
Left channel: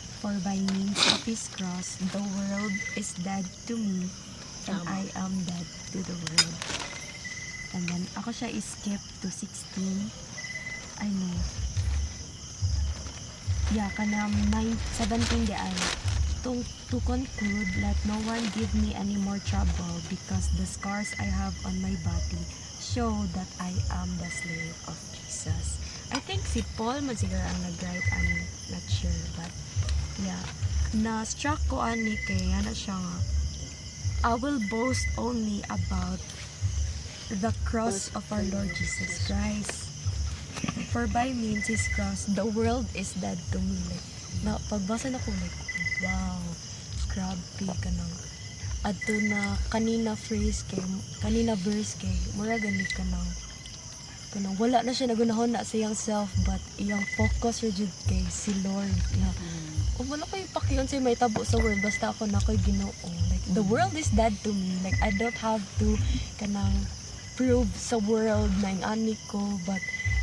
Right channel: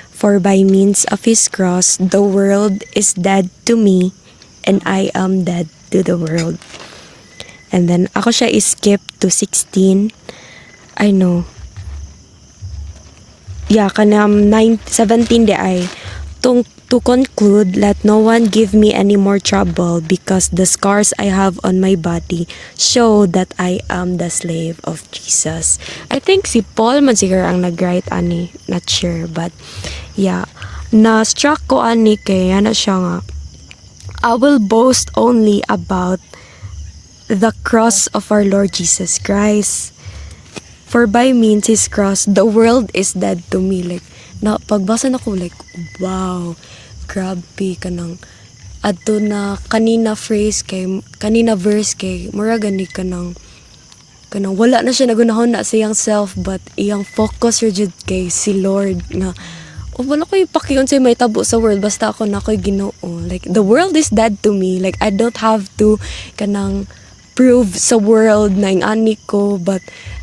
For by means of His cross, the world is dead to me, and I am dead to the world. And then, ako siya skip to 16. I know. Yeah, kanam 17 de ay. To conclude, let no one give me any more trouble because the scars I have on my body show that I am the slave of Jesus. I think si Paul man siguro ang nag-write ani. Not sure, but yeah. Na-struck ko ani kay ana siya nga. I will boast only about the cross of our Lord Jesus Christ. For by means His cross, the world is dead to me. Like, pagbasa na ko, like, wow, grabe kanang adto na kanina verse kay mura gani kanang wala na siya nagunahon na sa iyang self but iyang focus jud kay si Lord na wala ko ipakiyon sa may tabo sa world basta ako na ko'y Ginoo. Like, the world is dead to me. Like, I don't have to kanang prove sa world na yung ani ko but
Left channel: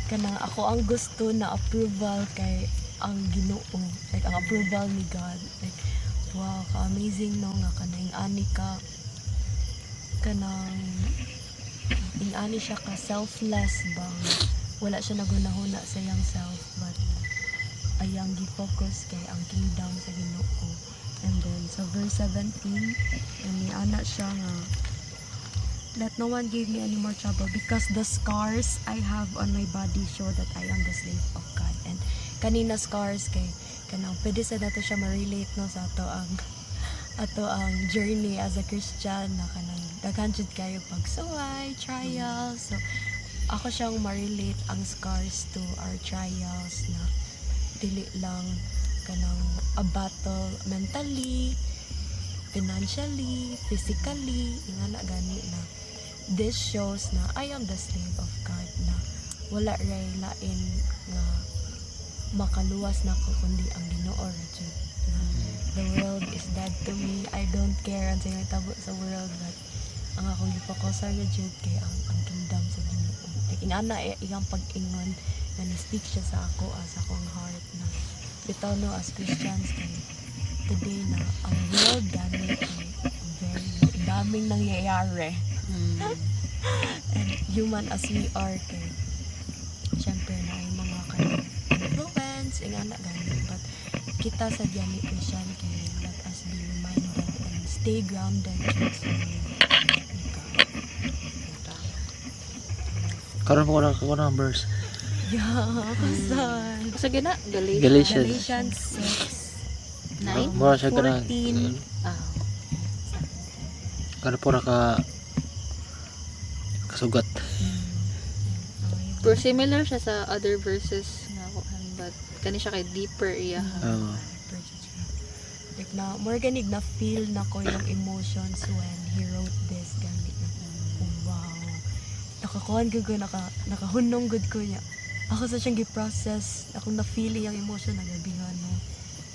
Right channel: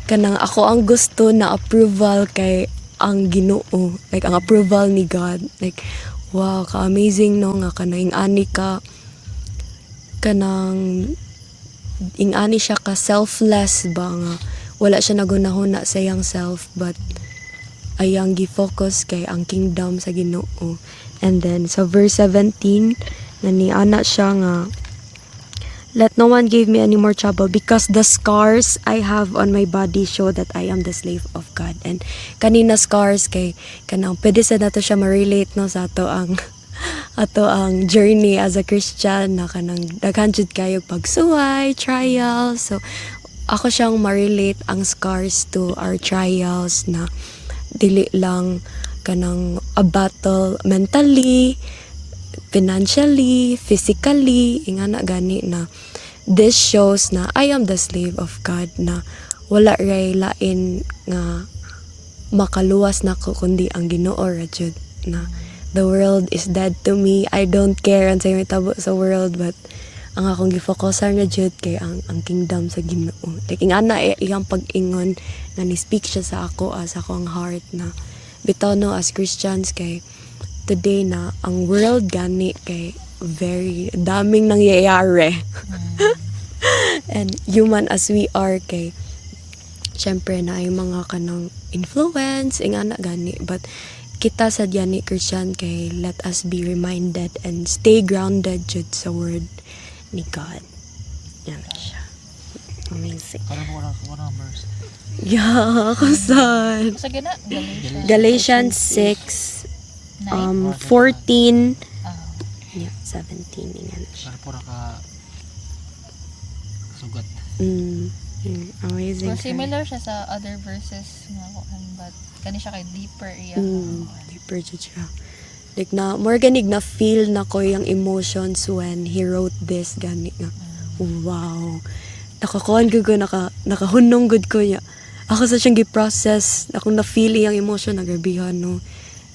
kanang ako ang gusto na approval kay ang Ginoo, like ang approval ni God. Like wow, ka-amazing no nga kanang ani ka kanang ani siya ka selfless ba nga wala siya nagunahon na sa iyang self but ayang gi-focus kay ang kingdom sa Ginoo. And then sa verse 17 nani ana siya nga let no one give me any more trouble because the scars I have on my body show that I am the slave of God. And kanina scars kay kanang pwede sa nato siya ma-relate no sa ato ang journey as a Christian na kanang daghan jud kayo pagsuway, trials. So ako siyang ma-relate ang scars to our trials na dili lang kanang a battle mentally, financially, physically, ingana gani na this shows na I am the slave of God na wala ray lain nga makaluwas na ko kundi ang Ginoo ra jud na the world is dead to me. I don't care ang may tabo sa world but ang akong gi-focusan na jud kay ang kingdom sa Ginoo. Like ingana iyang pag-ingon nga ni-speak siya sa ako as akong heart na bitaw no as Christians kay today na ang world gani kay very daming nangyayari. And human as we are kay syempre na yung mga kanang influence ingana gani but kita sa diyan ni Christian kay let us be reminded and stay grounded jud sa word ni God. Yan siya. Amazing. Karon ko ng verse. Yeah, kasan. Sa gina, Galatians 6 14 yeah, 17 yan. Kada po ka kasugat. Amazing. Pero similar siya sa other verses nga kuan, but kani siya kay deeper iya. Deeper jud siya. Like na more ganig na feel na ko yung emotions when he wrote this gani nga. Wow. Nakakuan ko nakahunong good ko niya. Ako sa siyang gi-process, akong na-feel yung emotion na grabihan no.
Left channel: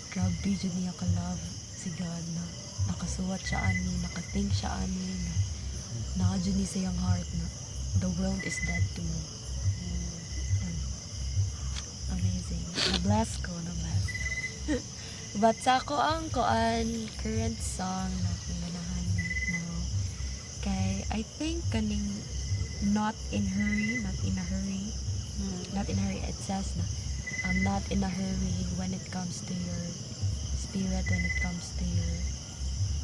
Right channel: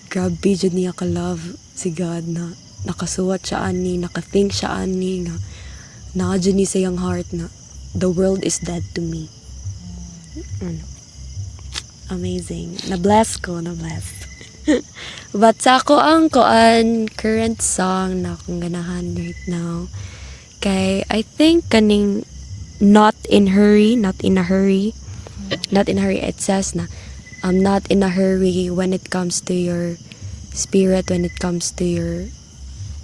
Grabe jud niya ka love si God na nakasuwat siya ani, nakathink siya ani nga na jud ni sa iyang heart na the world is dead to me. Amazing. Na-bless ko, na-bless. But sa ako ang current song na akong ganahan right now. Kay I think kaning not in a hurry. Not in a hurry, it says na I'm not in a hurry when it comes to your spirit, when it comes to your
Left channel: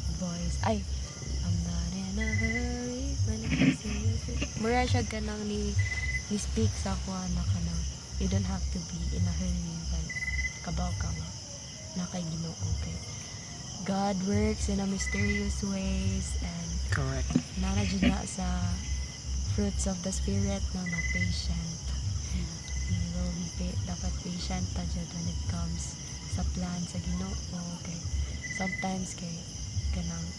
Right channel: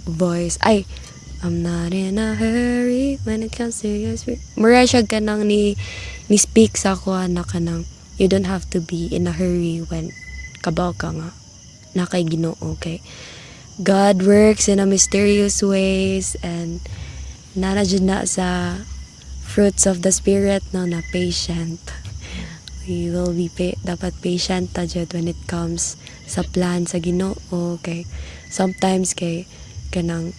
voice. I'm not in a hurry when it comes to your spirit. Mura siya kanang ni speak sa ako na kanang you don't have to be in a hurry when kabaw ka nga na kay Ginoo. Okay, God works in a mysterious ways and nana jud na sa fruits of the spirit no na patient. We will be dapat patient ta jud when it comes sa plan sa Ginoo. Okay, sometimes kay kanang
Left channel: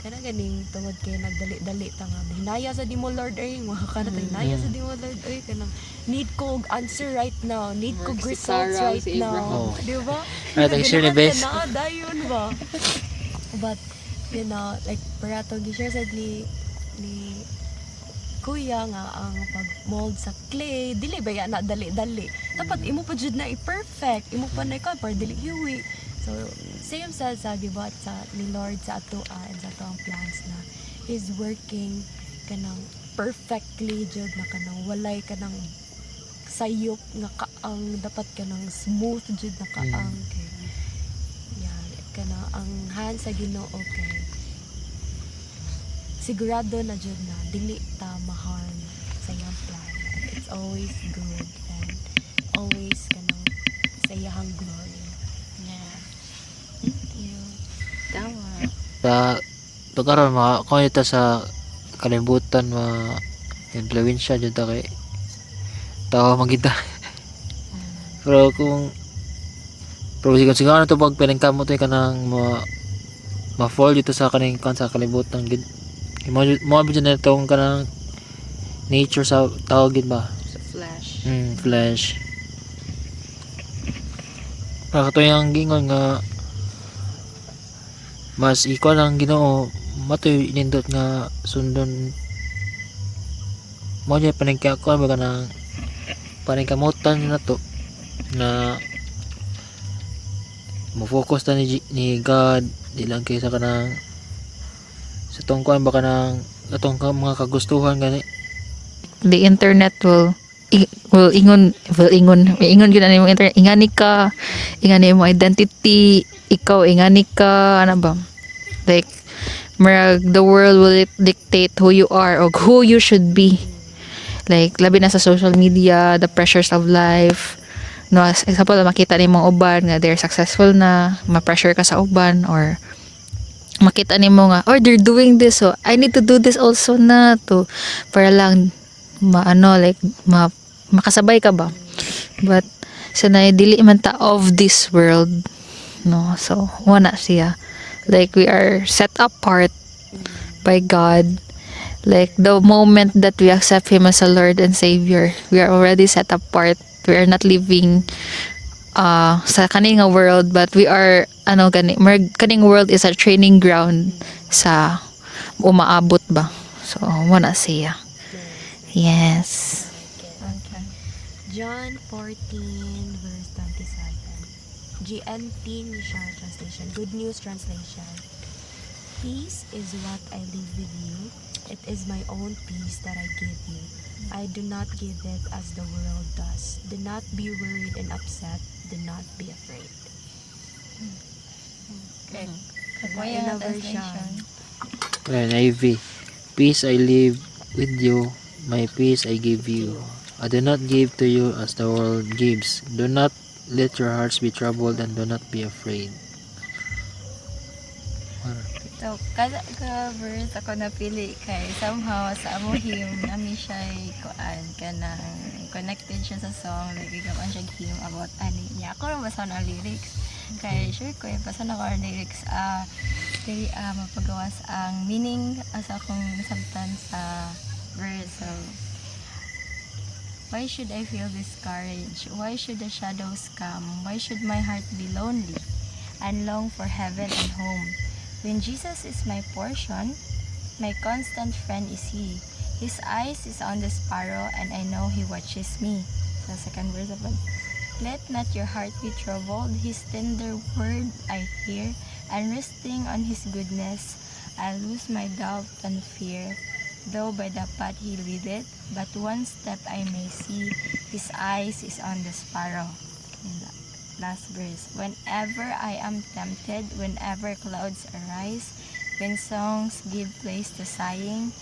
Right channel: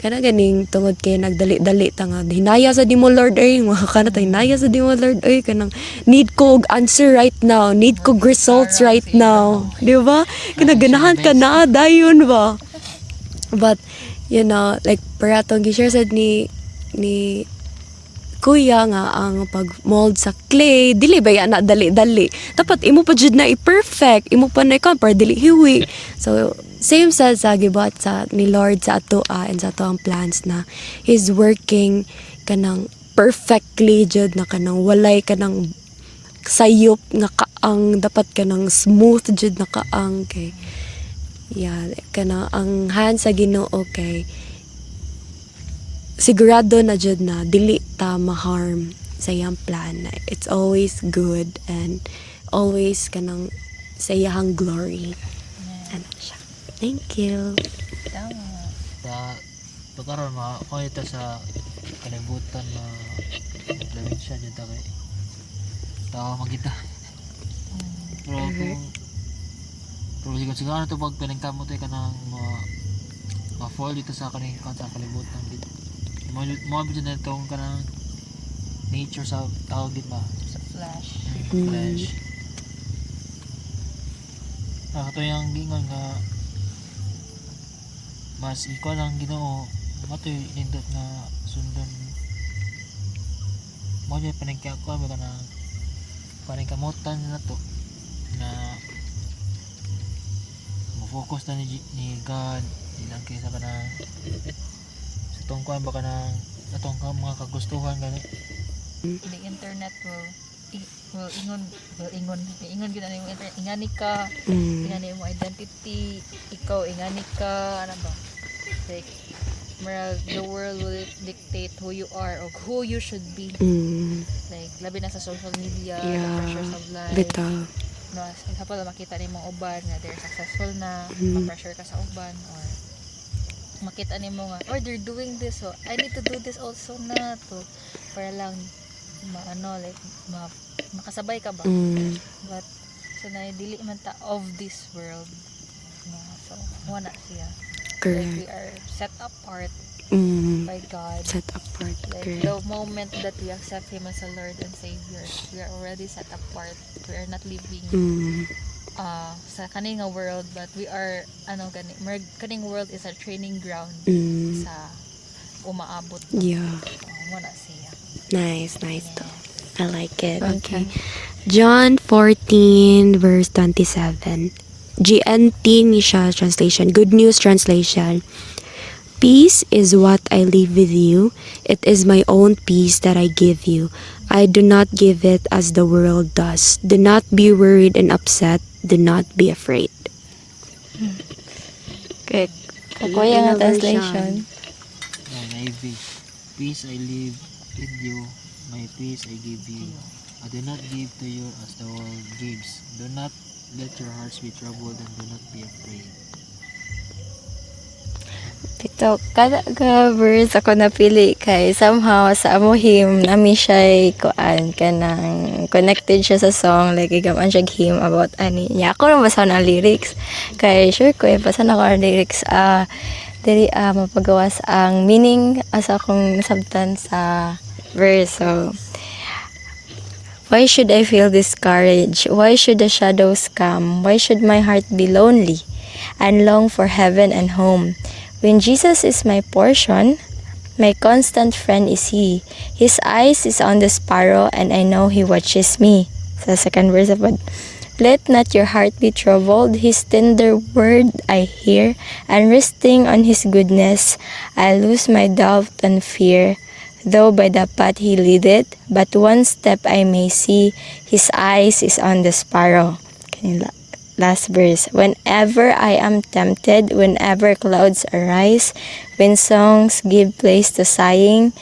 ganing tungod kay nagdali-dali ta nga hinaya sa di mo Lord ay mga kana ta hinaya sa di mo Lord ay kanang need ko og answer right now, need ko results right now, di ba? Kinaganahan ka na dayon ba? But you know, like para tong gi-share sad ni kuya nga ang pag-mold sa clay dili ba yan na dali-dali, dapat imo pa jud na i-perfect, imo pa na ikaw para dili hiwi. So same sa gibuhat sa ni Lord sa ato and sa ato ang plans na He's working kanang perfectly jud na kanang walay kanang sayop nga kaang, dapat kanang smooth jud na kaang kay kanang ang hand sa Ginoo kay sigurado na jud na dili ta ma-harm sa iyang plan. It's always good and always kanang sa iyang glory. Ano siya. Thank you. Sa pagkaroon makakuha ta sa kalibutan influensya dyan ta kay tao magita. Pero siguro ano to pag pinagkamot ka ng ma-fall dito sa kaning sa kalibutan gid. Mo abot na itong kanang nature sa tao gid ba? Sa flash. Flash. Pagkato yung gingon nga mas ikaw lang Ginoo matoy nindot nga sundon mo niya paningkako ba kanang paningkamutan na to na mo-focus ta ni God ilang kaysa kanang sa tungkuan ba kanang atong mga kagustuhan gani. The internet will ingon gyud ani mo internet, ingani ka, ingani mo identity, ikaw ingani ka ano ba, like the world will dictate who you are or who you should be. Like labi na sa social media, the pressures of life. No, as example, makita ni mong uban nga they're successful na, ma-pressure ka sa uban, or makita ni mo nga, oh, they're doing this, so I need to do this also na to para lang makasabay ka ba. But sanay dili man ta of this world, no, so wala siya. Like we are set apart by God. Like the moment that we accept Him as a Lord and Savior, we are already set apart. We are not living sa kaning world, but we are kaning world is a training ground sa umaabot ba. So wala siya. Nice. Yes. I like it. Okay. John 14 verse 27. GNT ni siya translation. Good News Translation. Peace is what I leave with you. It is my own peace that I give you. I do not give it as the world does. Do not be worried and upset. Do not be afraid. Okay. Kuya nga translation. NIV. Peace I leave with you, my peace I give you. I do not give to you as the world gives. Do not let your hearts be troubled and do not be afraid. Ito, kada ka verse ako napili kay somehow sa amo him nami siya kuan kanang connected siya sa song like igaman siya him about ani niya ako na basa ng lyrics kay sure ko basa na ko ang lyrics dili mapagawas ang meaning asa akong sabtan sa verse. So why should I feel discouraged? Why should the shadows come? Why should my heart be lonely and long for heaven and home? When Jesus is my portion, my constant friend is He. His eyes is on the sparrow, and I know He watches me. Sa second verse of it, let not your heart be troubled. His tender word I hear, and resting on His goodness, I lose my doubt and fear. Though by the path He leadeth, but one step I may see, His eyes is on the sparrow. Kanila. Last verse. Whenever I am tempted, whenever clouds arise, when songs give place to sighing,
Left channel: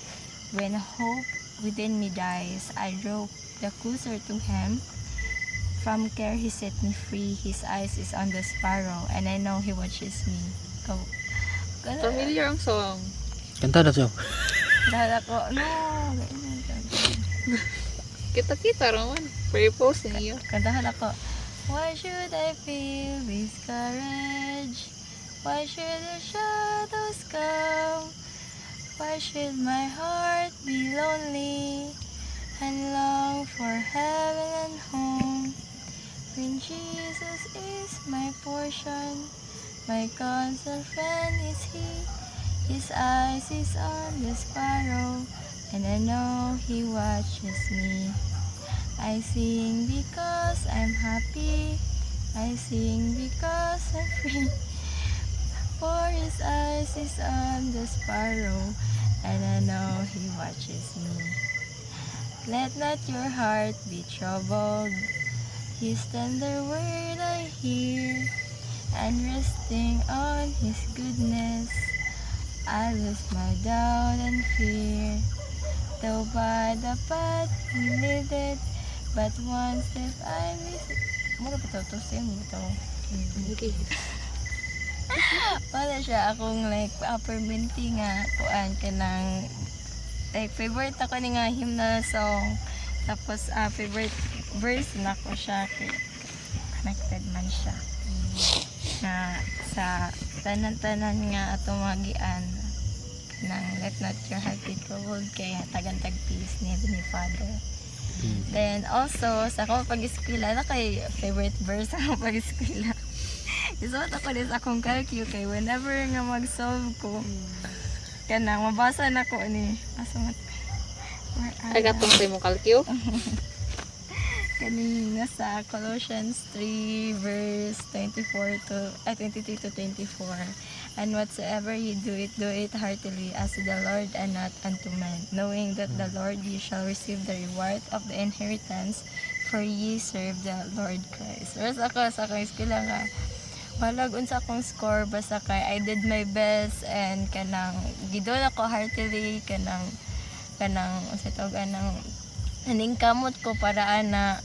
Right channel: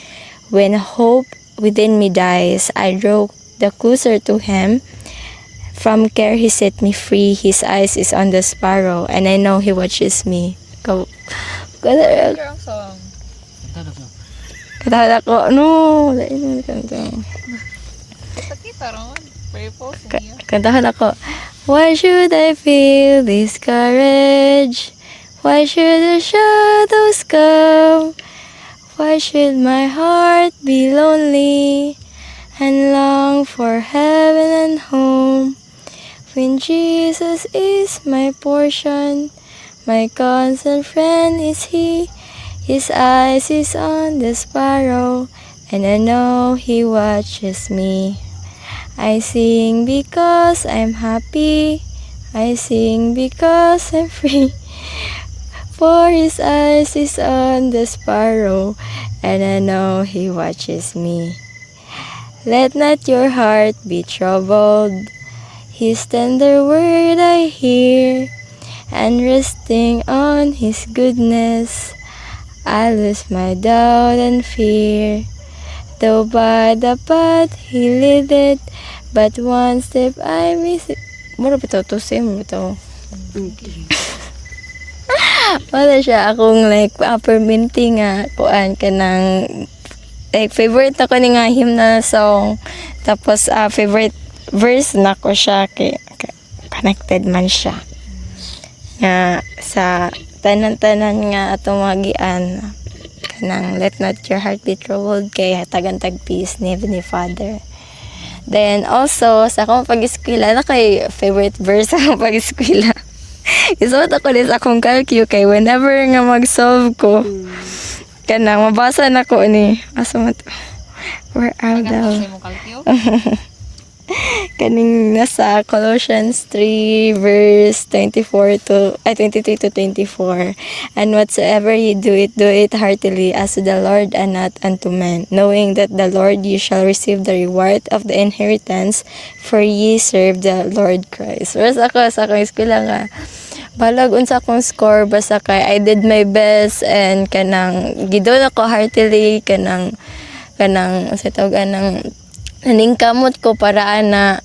when hope within me dies, I draw the closer to Him. From care He set me free. His eyes is on the sparrow, and I know He watches me. Ang song. Kanta na siya. Katahala ko, no. Dahil kanta. Kita-kita ron. Purpose niya. Kantahan ako. Why should I feel discouraged? Why should the shadows come? Why should my heart be lonely and long for heaven and home? When Jesus is my portion, my constant friend is He. His eyes is on the sparrow, and I know He watches me. I sing because I'm happy. I sing because I'm free. For His eyes is on the sparrow, and I know He watches me. Let not your heart be troubled. His tender word I hear, and resting on His goodness, I lose my doubt and fear. Though by the path He leadeth, but one step I miss it. Mura bito to same bito. Wala siya akong like perminting nga kuan kanang like favorite ako ni nga hymn na song. Tapos favorite verse na ko siya kay connected man siya. Nga sa tanan-tanan nga atong magian kanang let not your heart be troubled kay tagantag peace ni Heavenly Father. Then also sa akong pag-eskwela na kay favorite verse sa akong pag-eskwela. Isuot ako din sa akong calcu kay whenever nga mag-solve ko kanang mabasa na ko ni asa mo to. Where are Taga thou? mo kalkyo. Kaning nasa Colossians 3 verse 23 to 24. And whatsoever ye do it heartily as to the Lord and not unto men, knowing that the Lord you shall receive the reward of the inheritance, for ye serve the Lord Christ. Whereas ako sa akong eskwela nga balag unsa akong score basta kay I did my best and kanang gidon ako heartily kanang sa tawag ng naningkamot ko para na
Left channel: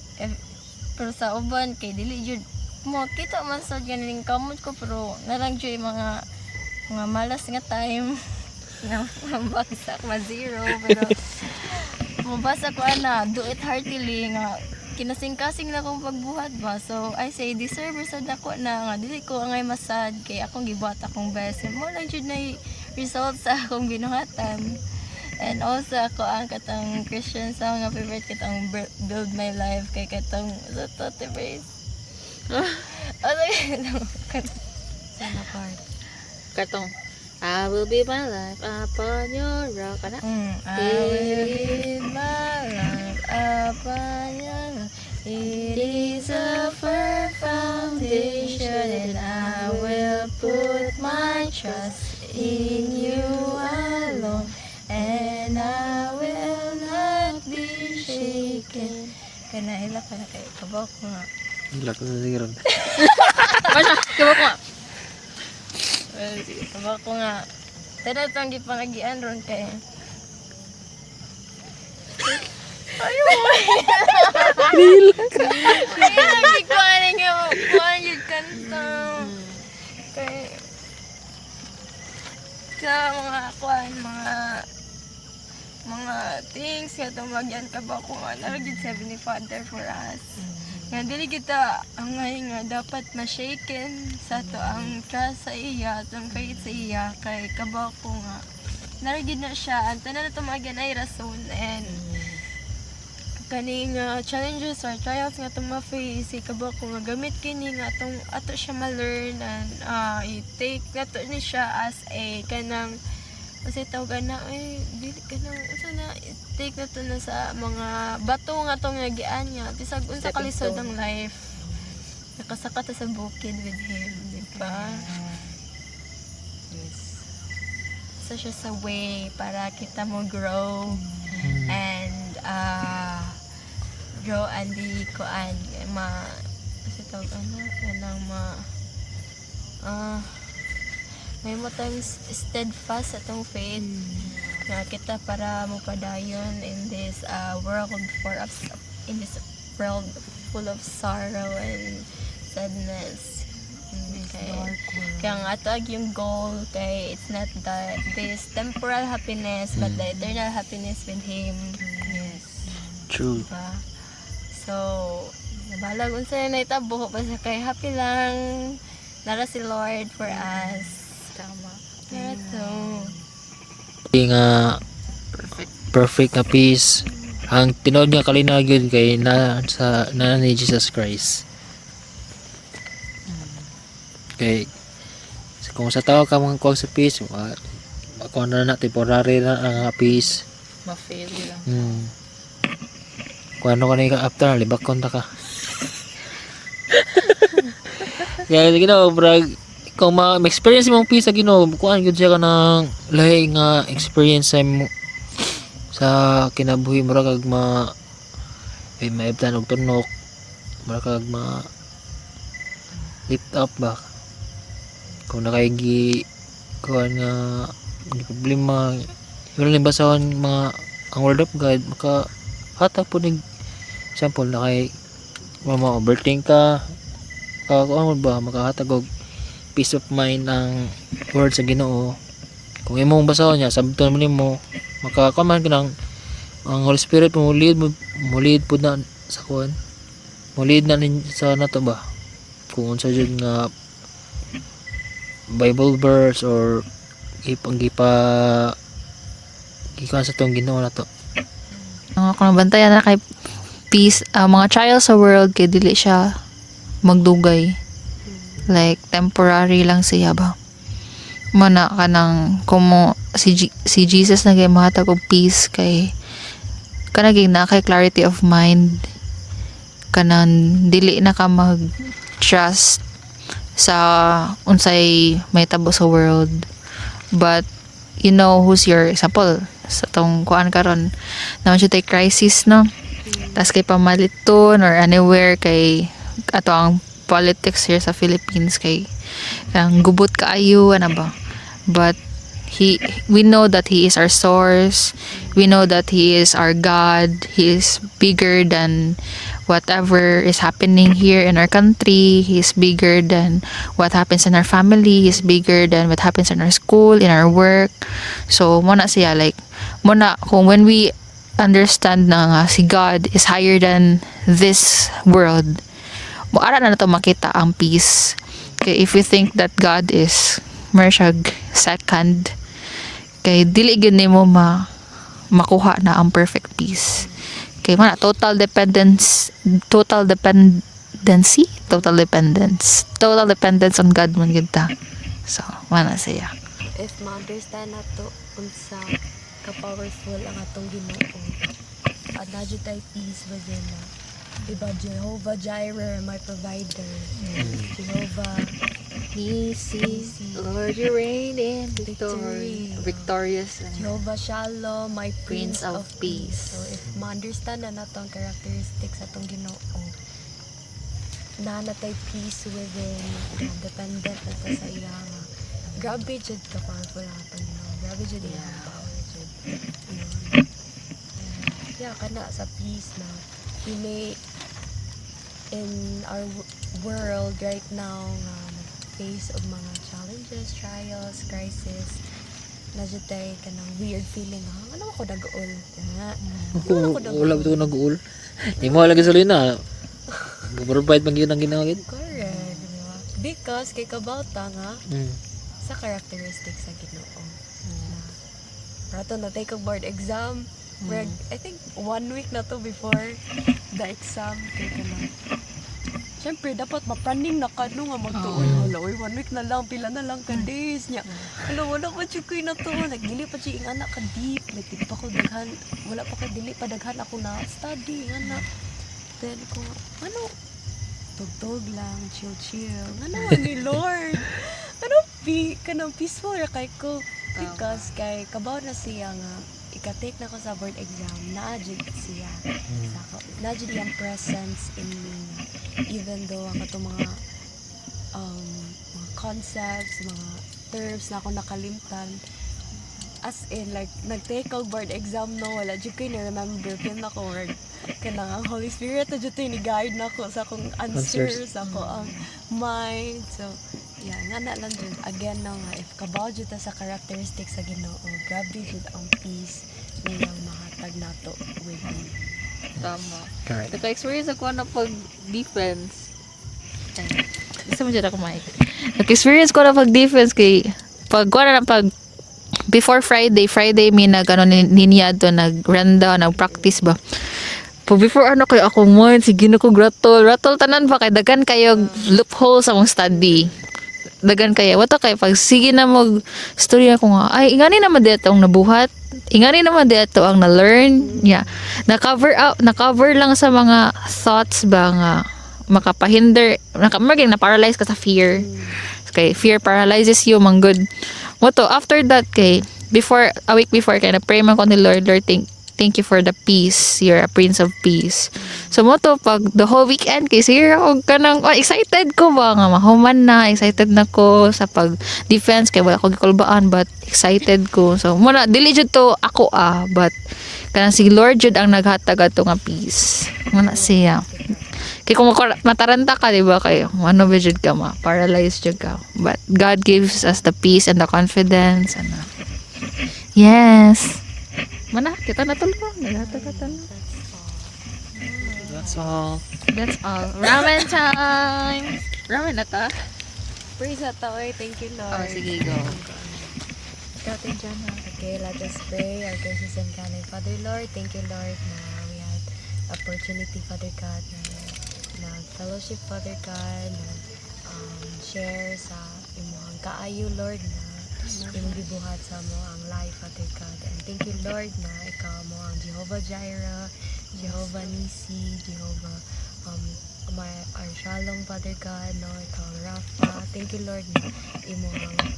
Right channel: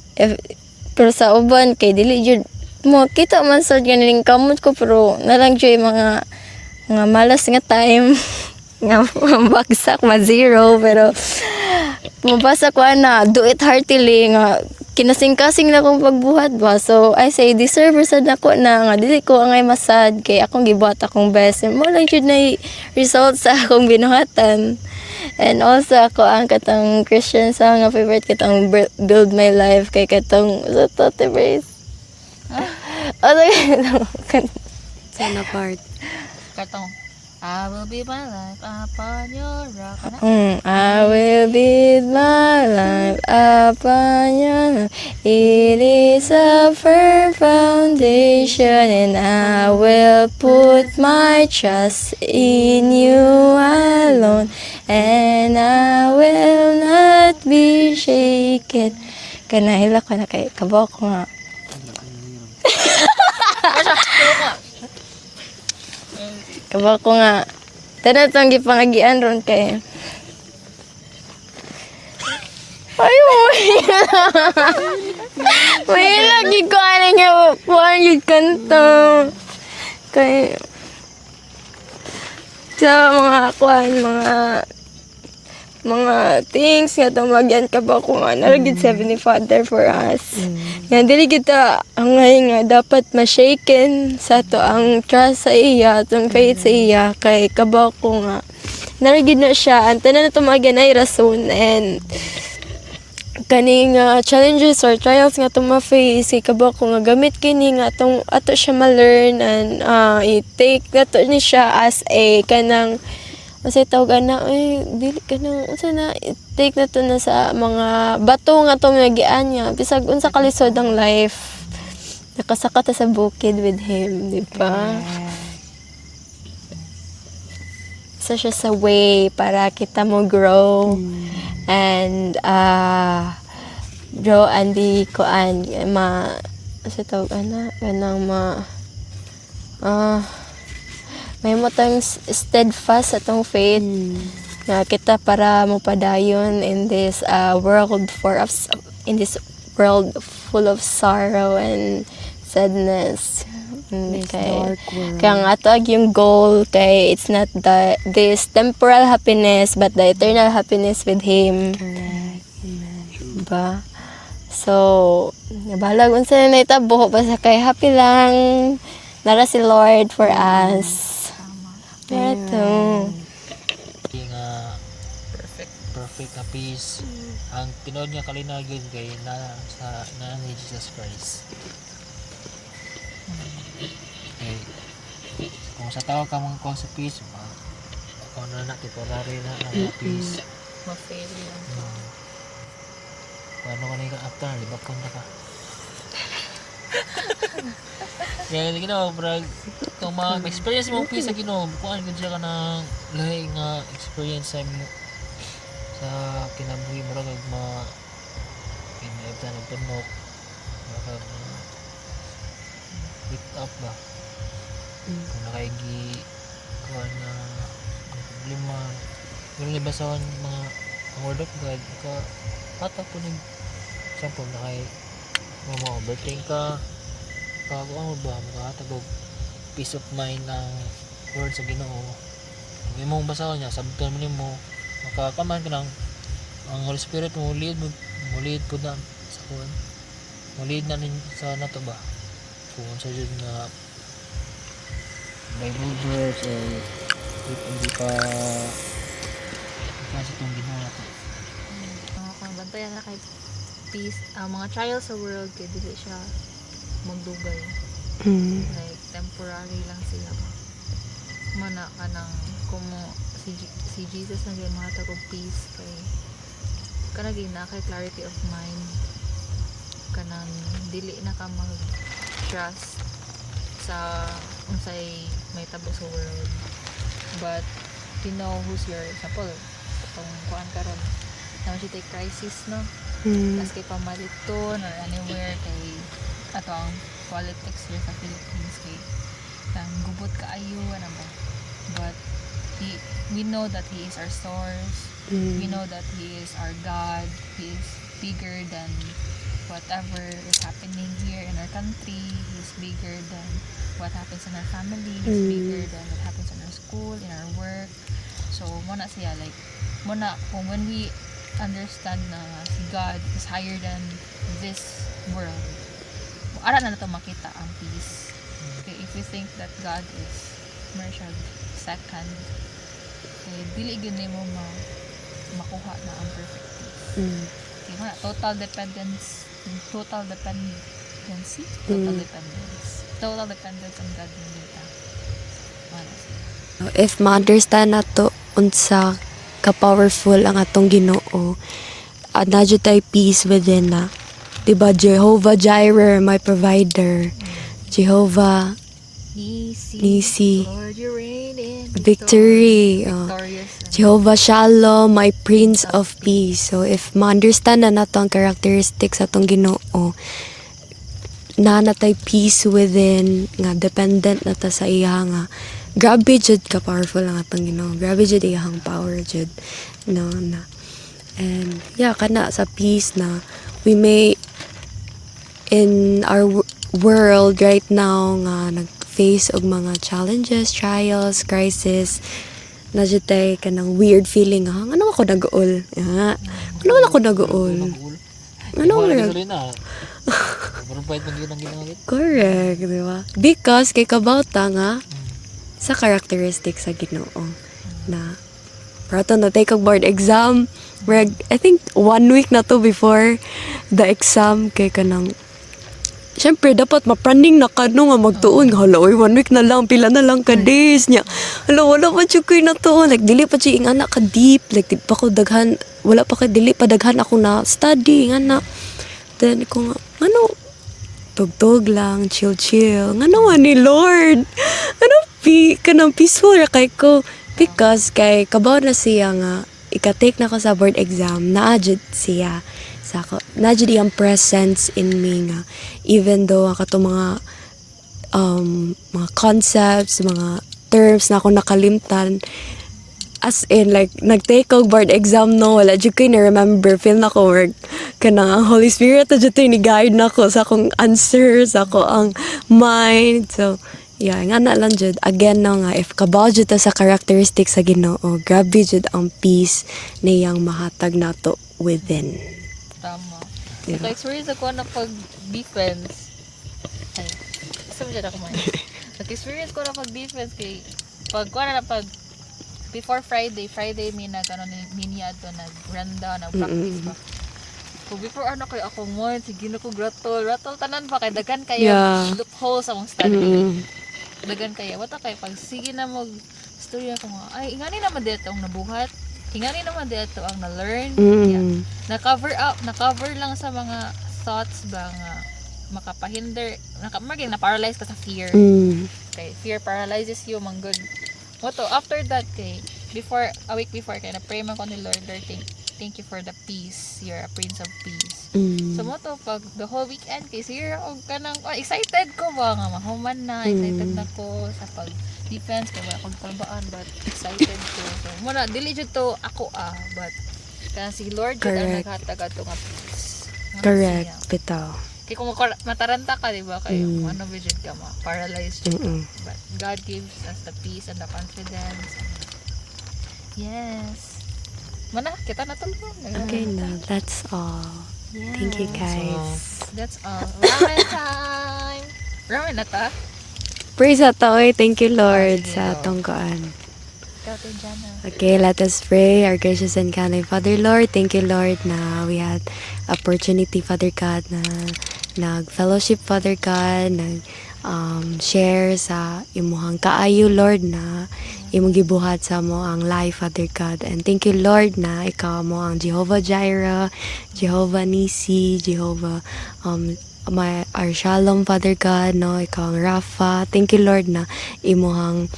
pero sa uban kay dili jud mo kita man sad nga naningkamot ko pero nalang jud mga malas nga time nga bagsak ma zero pero mabasa ko na do it heartily nga kinasing-kasing na akong pagbuhat ba. So I say deserve sad nako na nga dili ko angay masad kay akong gibuhat akong best mo lang jud na result sa akong binuhatan. And also ako ang katong Christian song nga favorite katong Build My Life kay katong Tote Brace. Sana part. Katong I will be my life upon your rock. I will build my life upon your love. It is a firm foundation, and I will put my trust in you alone, and I will not be shaken. Kanahila ko na kay kabaw ko nga. Kabaw ko nga. Tanan itong gipangagian ron kay. Ayaw, may lagi ko alam nga kuhaan yung kanto. Kay, sa mga kuan, mga things nga tumagyan ka ba kung naragid Heavenly Father for us. Nga dili kita ang ngayon nga dapat ma-shaken sa to ang trust sa iya, tong faith sa iya kay kabaw ko nga naragid na siya ang tanan na tumagyan ay rason and kaning challenges or trials nga itong ma-face, ikabaw ko nga gamit kini nga itong ato siya ma-learn and i-take na to ni siya as a kanang kasi tawag na, dili ka na, na, i-take na to na sa mga bato nga itong nagian niya. Bisag unsa kalisod ang life. Nakasaka ta sa bukid with Him, di ba? Isa siya sa way para kita mo grow. And draw and di koan sa tawag kanang may mo tayong steadfast sa tong faith na kita para mo padayon in this world full of sorrow and sadness. Okay. Kaya nga ito yung goal kay it's not this temporal happiness but the eternal happiness with Him. True. Diba? So, nabalag unsa na itabo basta kay happy lang nara si Lord for us. Ito. Nga perfect na peace ang tinuod nga kalinag yun kay na ni Jesus Christ. Okay. Kung sa tao ka mga kuha sa peace, ako na temporary na ang peace. Ma-fail lang. Kung ano ka na after, libakon ta ka. Kaya brag, kung ma-experience mong peace sa Ginoo, kuan gyud siya ka ng lahi nga experience sa kinabuhi mo kag maibtan og tunok, kag lift up ba. Kung nakaigi kuan nga problema, yun lang basahon mga ang word of God, maka hatag po ning example na kay overthink ka kuan ba makahatag og peace of mind ang word sa Ginoo. Kung imong basahon niya sabton mo nimo makakuman ka ng ang Holy Spirit mo lead po na sa kuan mo lead na sa nato ba kung unsa jud nga Bible verse or hindi pa sa tong Ginoo na to. Kung nabantayan na kay peace, mga trials sa world kay dili siya magdugay. Like temporary lang siya ba. Mana ka nang kumo si Jesus nagay mahatag og peace kay kanaging na kay clarity of mind kanan dili na ka mag trust sa unsay may tabo sa world, but you know who's your example sa tong kuan karon naman siya tay crisis no. Tas kay pamaliton or anywhere kay ato ang politics here sa Philippines kay ang gubot kaayo ana ba, but we know that He is our source. We know that He is our God. He is bigger than whatever is happening here in our country. He is bigger than what happens in our family. He is bigger than what happens in our school, in our work. So muna siya like muna kung when we understand na nga si God is higher than this world, muara na nato makita ang peace. Okay, if we think that God is mersyag second, kay dili gyud nimo makuha na ang perfect peace. Kay man total dependence on God man gyud ta. So mana siya. If ma-understand nato unsa ka powerful ang atong Ginoo, na jud tay peace within na. Diba, Jehovah Jireh, my provider. Jehovah Nisi, victory. Jehovah Shalom, my Prince of Peace. So, if ma-understand na nato ang characteristics sa atong Ginoo, na natay peace within, nga dependent na ta sa iya nga. Grabe jud ka powerful ang atong Ginoo. Grabe jud iyang power jud. No. And yeah, kana sa peace na we may in our world right now nga nag-face og mga challenges, trials, crisis, najutay ka ng weird feeling ha. Ano ako nag-uol? Ha? Ano ako nag-uol? Nag-uul. Di Ano mo lagi yun? sa lina. Provide man yun ang ginawin. Correct, di ba? Because kay kabauta nga Hmm. sa characteristic sa Ginoo na prato na take board exam. I think 1 week na to before the exam kay kanang syempre dapat mapraning na ka no nga magtuon hala oy 1 week na lang pila na lang ka days niya hala wala pa jud koy na to like dili pa jud ingana ka deep like di pa ko daghan wala pa ka dili pa daghan ako na study ingana then ko nga ano tugtog lang chill ngano man ni Lord ano kanang peaceful ra kay ko because kay kabaw na siya nga ika-take na ko sa board exam naadjud siya sa ako naadjud iyang presence in me nga even though ang kato mga concepts mga terms na ako nakalimtan as in like nag-take og board exam no wala jud koy na remember feel na ko work kanang ang Holy Spirit na jud ni guide nako sa akong answers sa ako ang mind so yeah, nga na lang jud again no nga if kabaw jud ta sa characteristics sa Ginoo, grabe jud ang peace niyang mahatag nato within. Tama. Correct. Naka-experience ako na pag-defense. Gusto mo dyan ako may. Naka-experience ko na pag-defense kay before Friday may niniado, nag-runda, nag-practice ba. Pag before kay ako mo, sige na ko rattle tanan ba kay dagan kayo loophole sa akong study. Dagan kayo wato kay pag sige na mag story ako nga ay ingani naman dito ang nabuhat ingani naman dito ang na-learn na-cover lang sa mga thoughts ba nga makapahinder na paralyze ka sa fear kay fear paralyzes you man good wato after that kay a week before kay na pray man ko ni Lord thank you for the peace. You're a Prince of Peace. So mo to pag the whole weekend kay sir ako kanang excited ko ba nga mahuman na excited na ko sa pag defense kay wala ko gikulbaan but excited ko. So mo na dili jud to ako but kanang si Lord jud ang naghatag ato nga peace. Mo na siya. Bitaw. Kay kung mataranta ka, di ba, kayo, ano ba jud ka paralyzed jud ka. But God gives us the peace and the confidence. Yes. Mana, kita na tulong. Okay na, that's all. Thank you guys. That's all. Ramen time! Ramen na to. Praise at thank you Lord sa atong kuan. Okay, let us pray. Our gracious and kind Father Lord, thank you Lord na we had opportunity Father God na nag-fellowship Father God, share sa imuhang kaayo Lord na imong gibuhat sa mo ang life Father God. And thank you Lord na ikaw mo ang Jehovah Jireh, Jehovah Nisi, Jehovah our Shalom Father God, no, ikaw ang Rapha. Thank you Lord na imuhang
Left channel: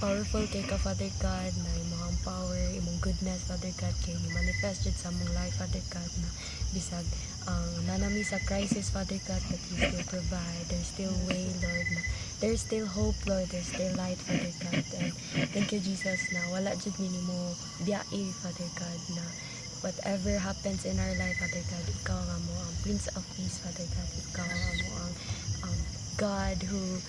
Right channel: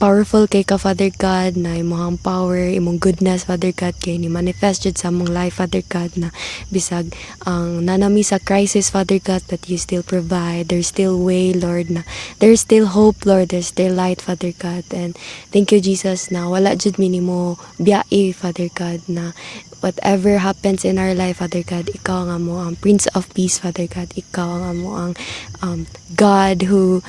powerful kay ka Father God na imong power imong goodness Father God kay ni manifest jud sa among life Father God na bisag ang nanami sa crisis Father God that you still provide, there's still way Lord na there's still hope Lord, there's still light Father God. And thank you Jesus na wala jud minimo biyae Father God na whatever happens in our life Father God, ikaw nga mo ang Prince of Peace Father God, ikaw nga mo ang God who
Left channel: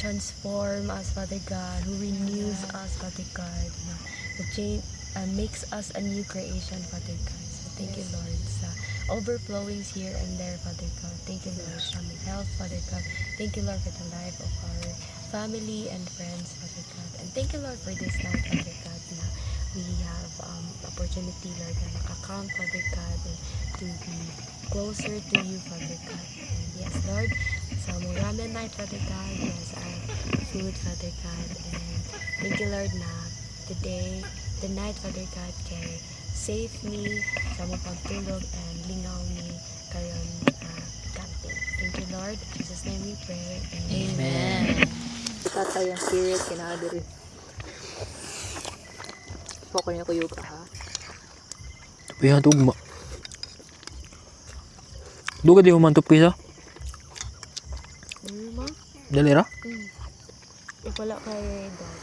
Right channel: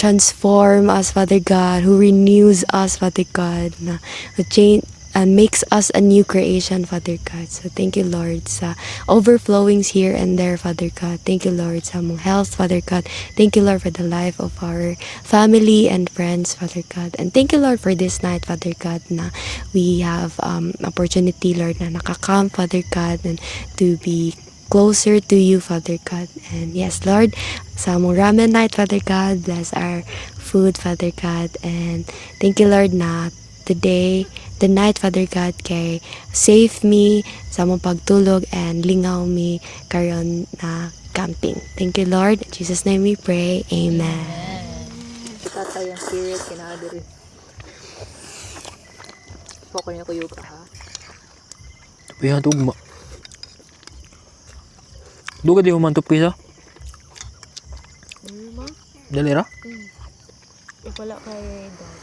transform us, Father God, who renews us, Father God, na change and makes us a new creation, Father God. So thank you, Lord, sa overflowings here and there, Father God. Thank you, Lord, sa mong health, Father God. Thank you, Lord, for the life of our family and friends, Father God. And thank you, Lord, for this night, Father God, na we have opportunity, Lord, na nakakam, Father God, and to be closer to you, Father God. And yes, Lord, sa among ramen night, Father God, bless our food, Father God. And thank you, Lord, na today, the night, Father God, kay save me sa among pagtulog and lingaw me karon na camping. Thank you, Lord. In Jesus' name we pray. Amen. Tatay ang spirit, kinahadiri. Poko niya ko yoga, ha? Pihan tugma. Duga di humantop kisa? Dali ra? Wala kay dog.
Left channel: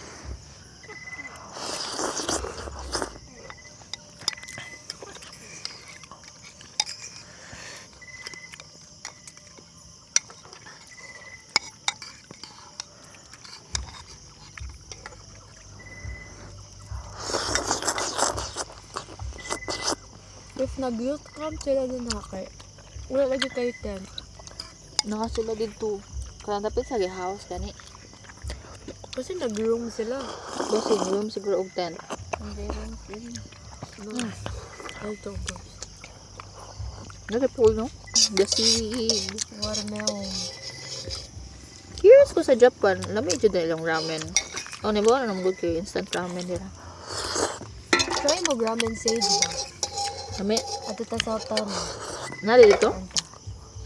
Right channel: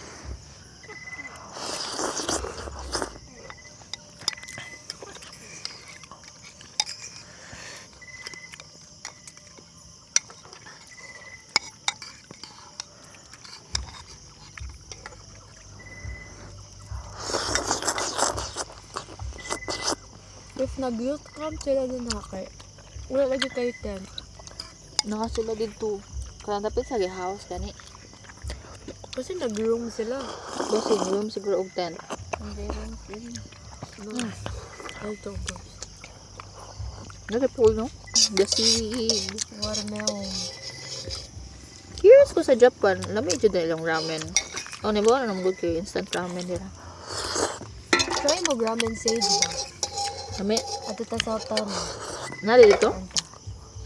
If nag-youth camp sila din kay wala lagi kayo tent. Nakasula dito. Kaya dapat sa house gani. Kasi nag-room sila. Kasi room siguro og tent. Ay, ito guys. Nari pool no? The seaweed. Watermelon. Curious ko sa Japan, lamay jud na ilang ramen. Oh, ni ba na good kay instant ramen nila. Try mo ramen sage ba? Lami. At ito sa hotel mo. Nari dito?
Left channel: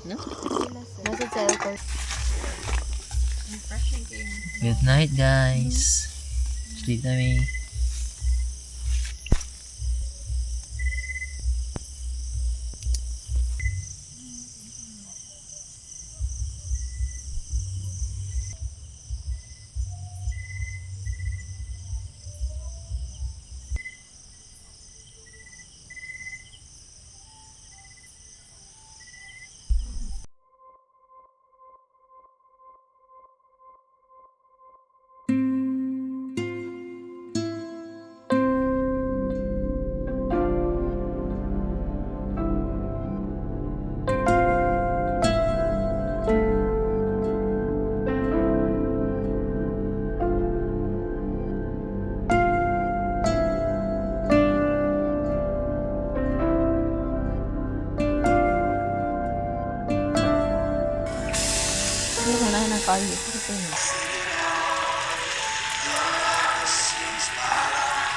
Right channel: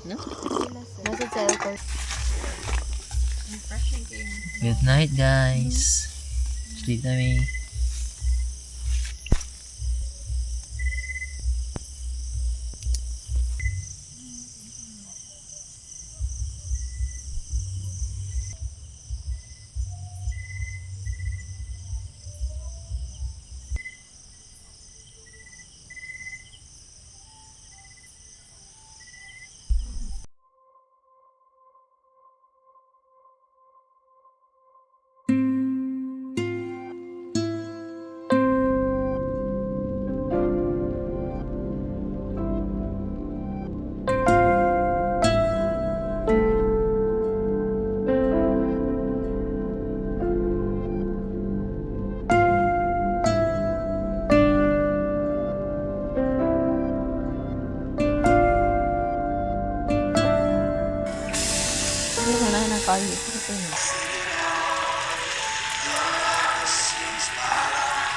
No? Nasa sa airport. Good night, guys. Sleep na me.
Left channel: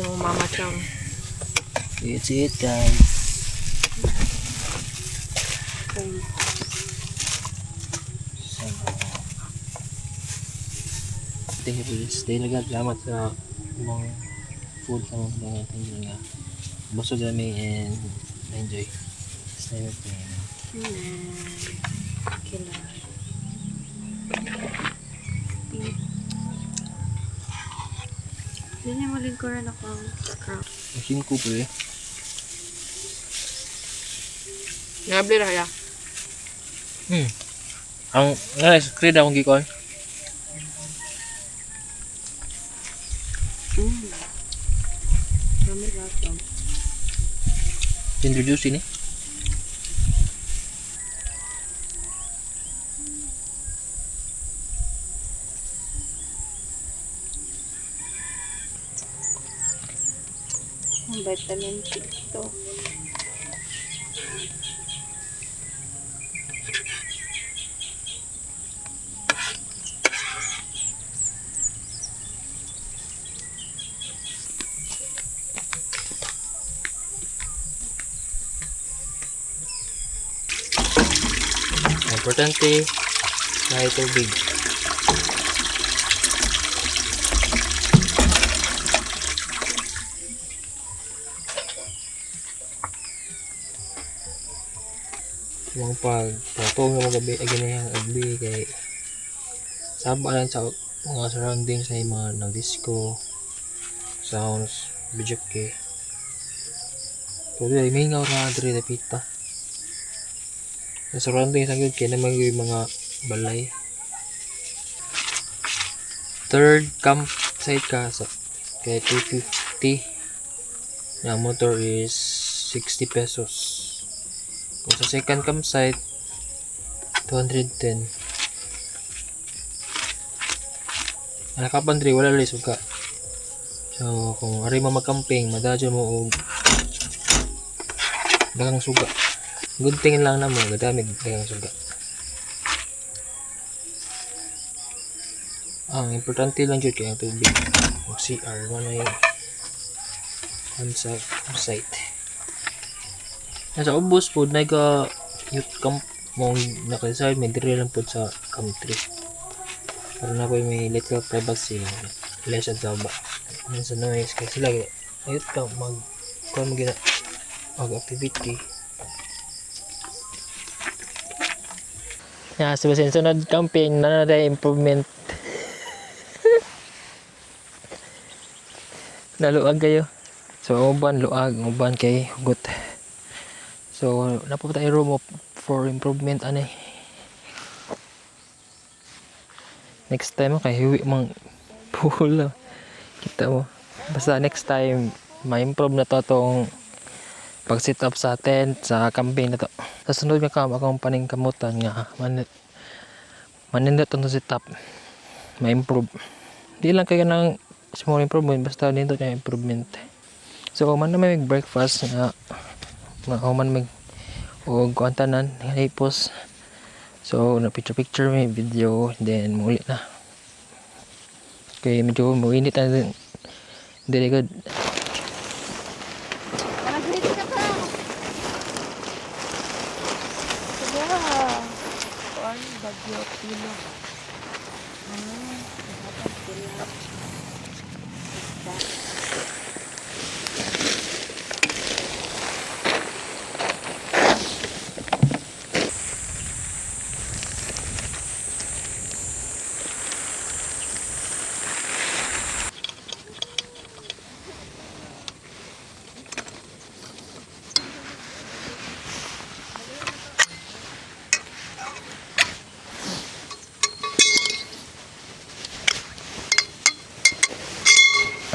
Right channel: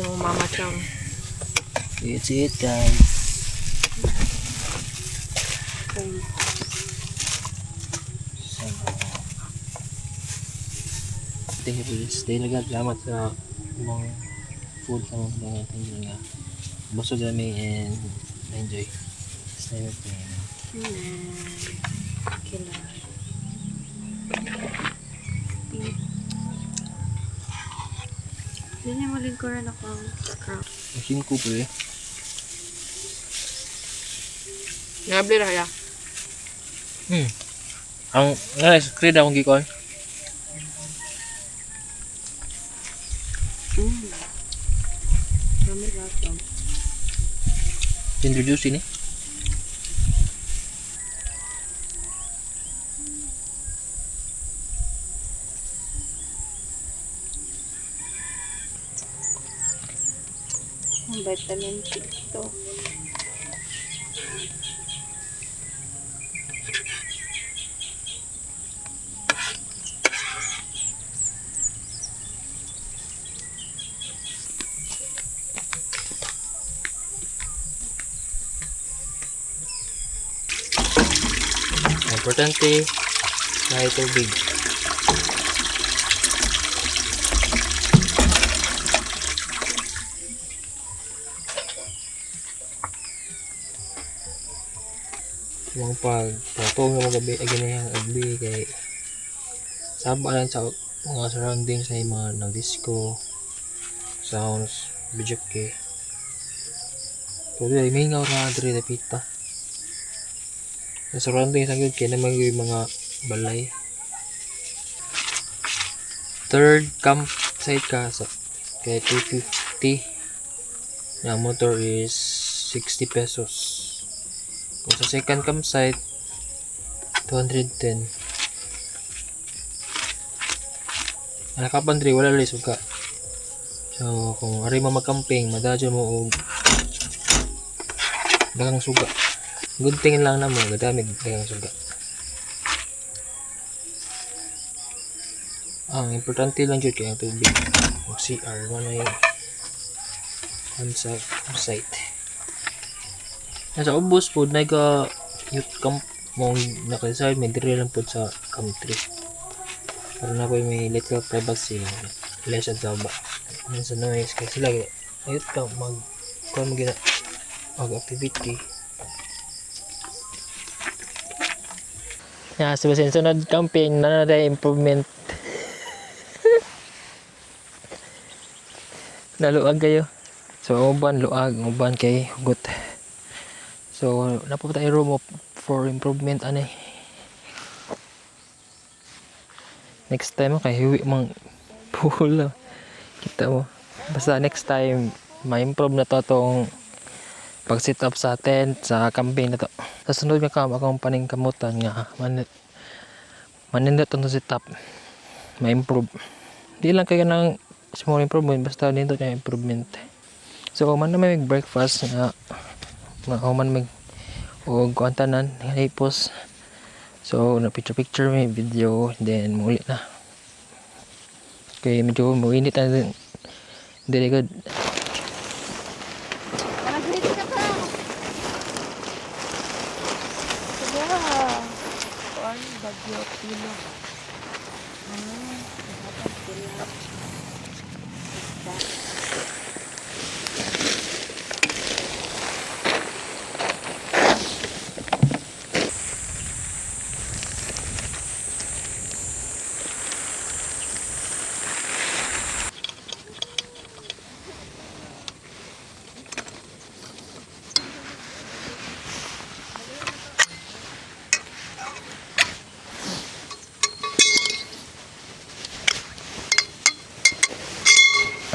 Yung mama chang. It's it, guys. Thank you for this day. Salamat sa mga food sa mga tingin nga. Busog kami and enjoy. Stay with me. Kila. Hindi niya malingkuran ako ang scrap. Machine ko po eh. Ngabli ra ya. Ang screen akong gikon. Kami lahat. Introduce ini. Vitamin C to. Importante na tubig. Mga pagpatong ng mga gabi ay ganyan ang agbi kay saba lang sa mga surroundings na yung mga nag-disco sounds bijak kay tuloy ay may ngaw na diri na pita na surroundings ang yun kaya naman yung mga balay. Third campsite ka sa kaya 250 na motor is 60 pesos. Kung sa second campsite 210. Ang nakapandri wala rin suka. So kung ari mo magcamping madadyo mo og dagang suga. Good thing lang na mo gadamig dagang suga. Ang importante lang jud kay ang tubig. Ang CR mo na yung campsite. Nasa ubos po na ka youth camp mong naka-decide may dire lang po sa country. Para na po may little privacy less at zaba. Sa noise kasi sila youth camp kung mag activity. Yeah, so sa sunod camping na tayo improvement. Naluag kayo. So uban luag, uban kay hugot. So napunta tayo room for improvement ani. Next time kay hiwi mang pool. Kita mo. Basta next time ma-improve na to tong pag sit up sa tent sa camping na to. Sa sunod nga kam akong paningkamutan nga manindot ang sit up ma-improve. Di lang kaya ng small improvement basta dito yung improvement. So man na may breakfast nga man may o kuantanan hipos. So na picture may video then muli na. Okay, medyo muinit na din. Very good.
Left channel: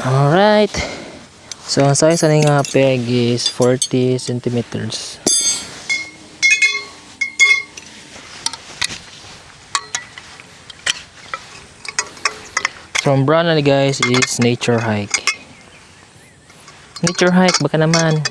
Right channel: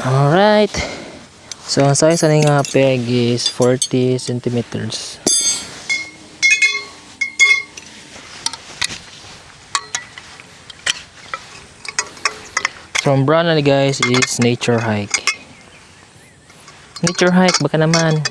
Alright. So ang size ng peg is 40 centimeters. So ang brand na guys is Nature Hike. Nature Hike baka naman.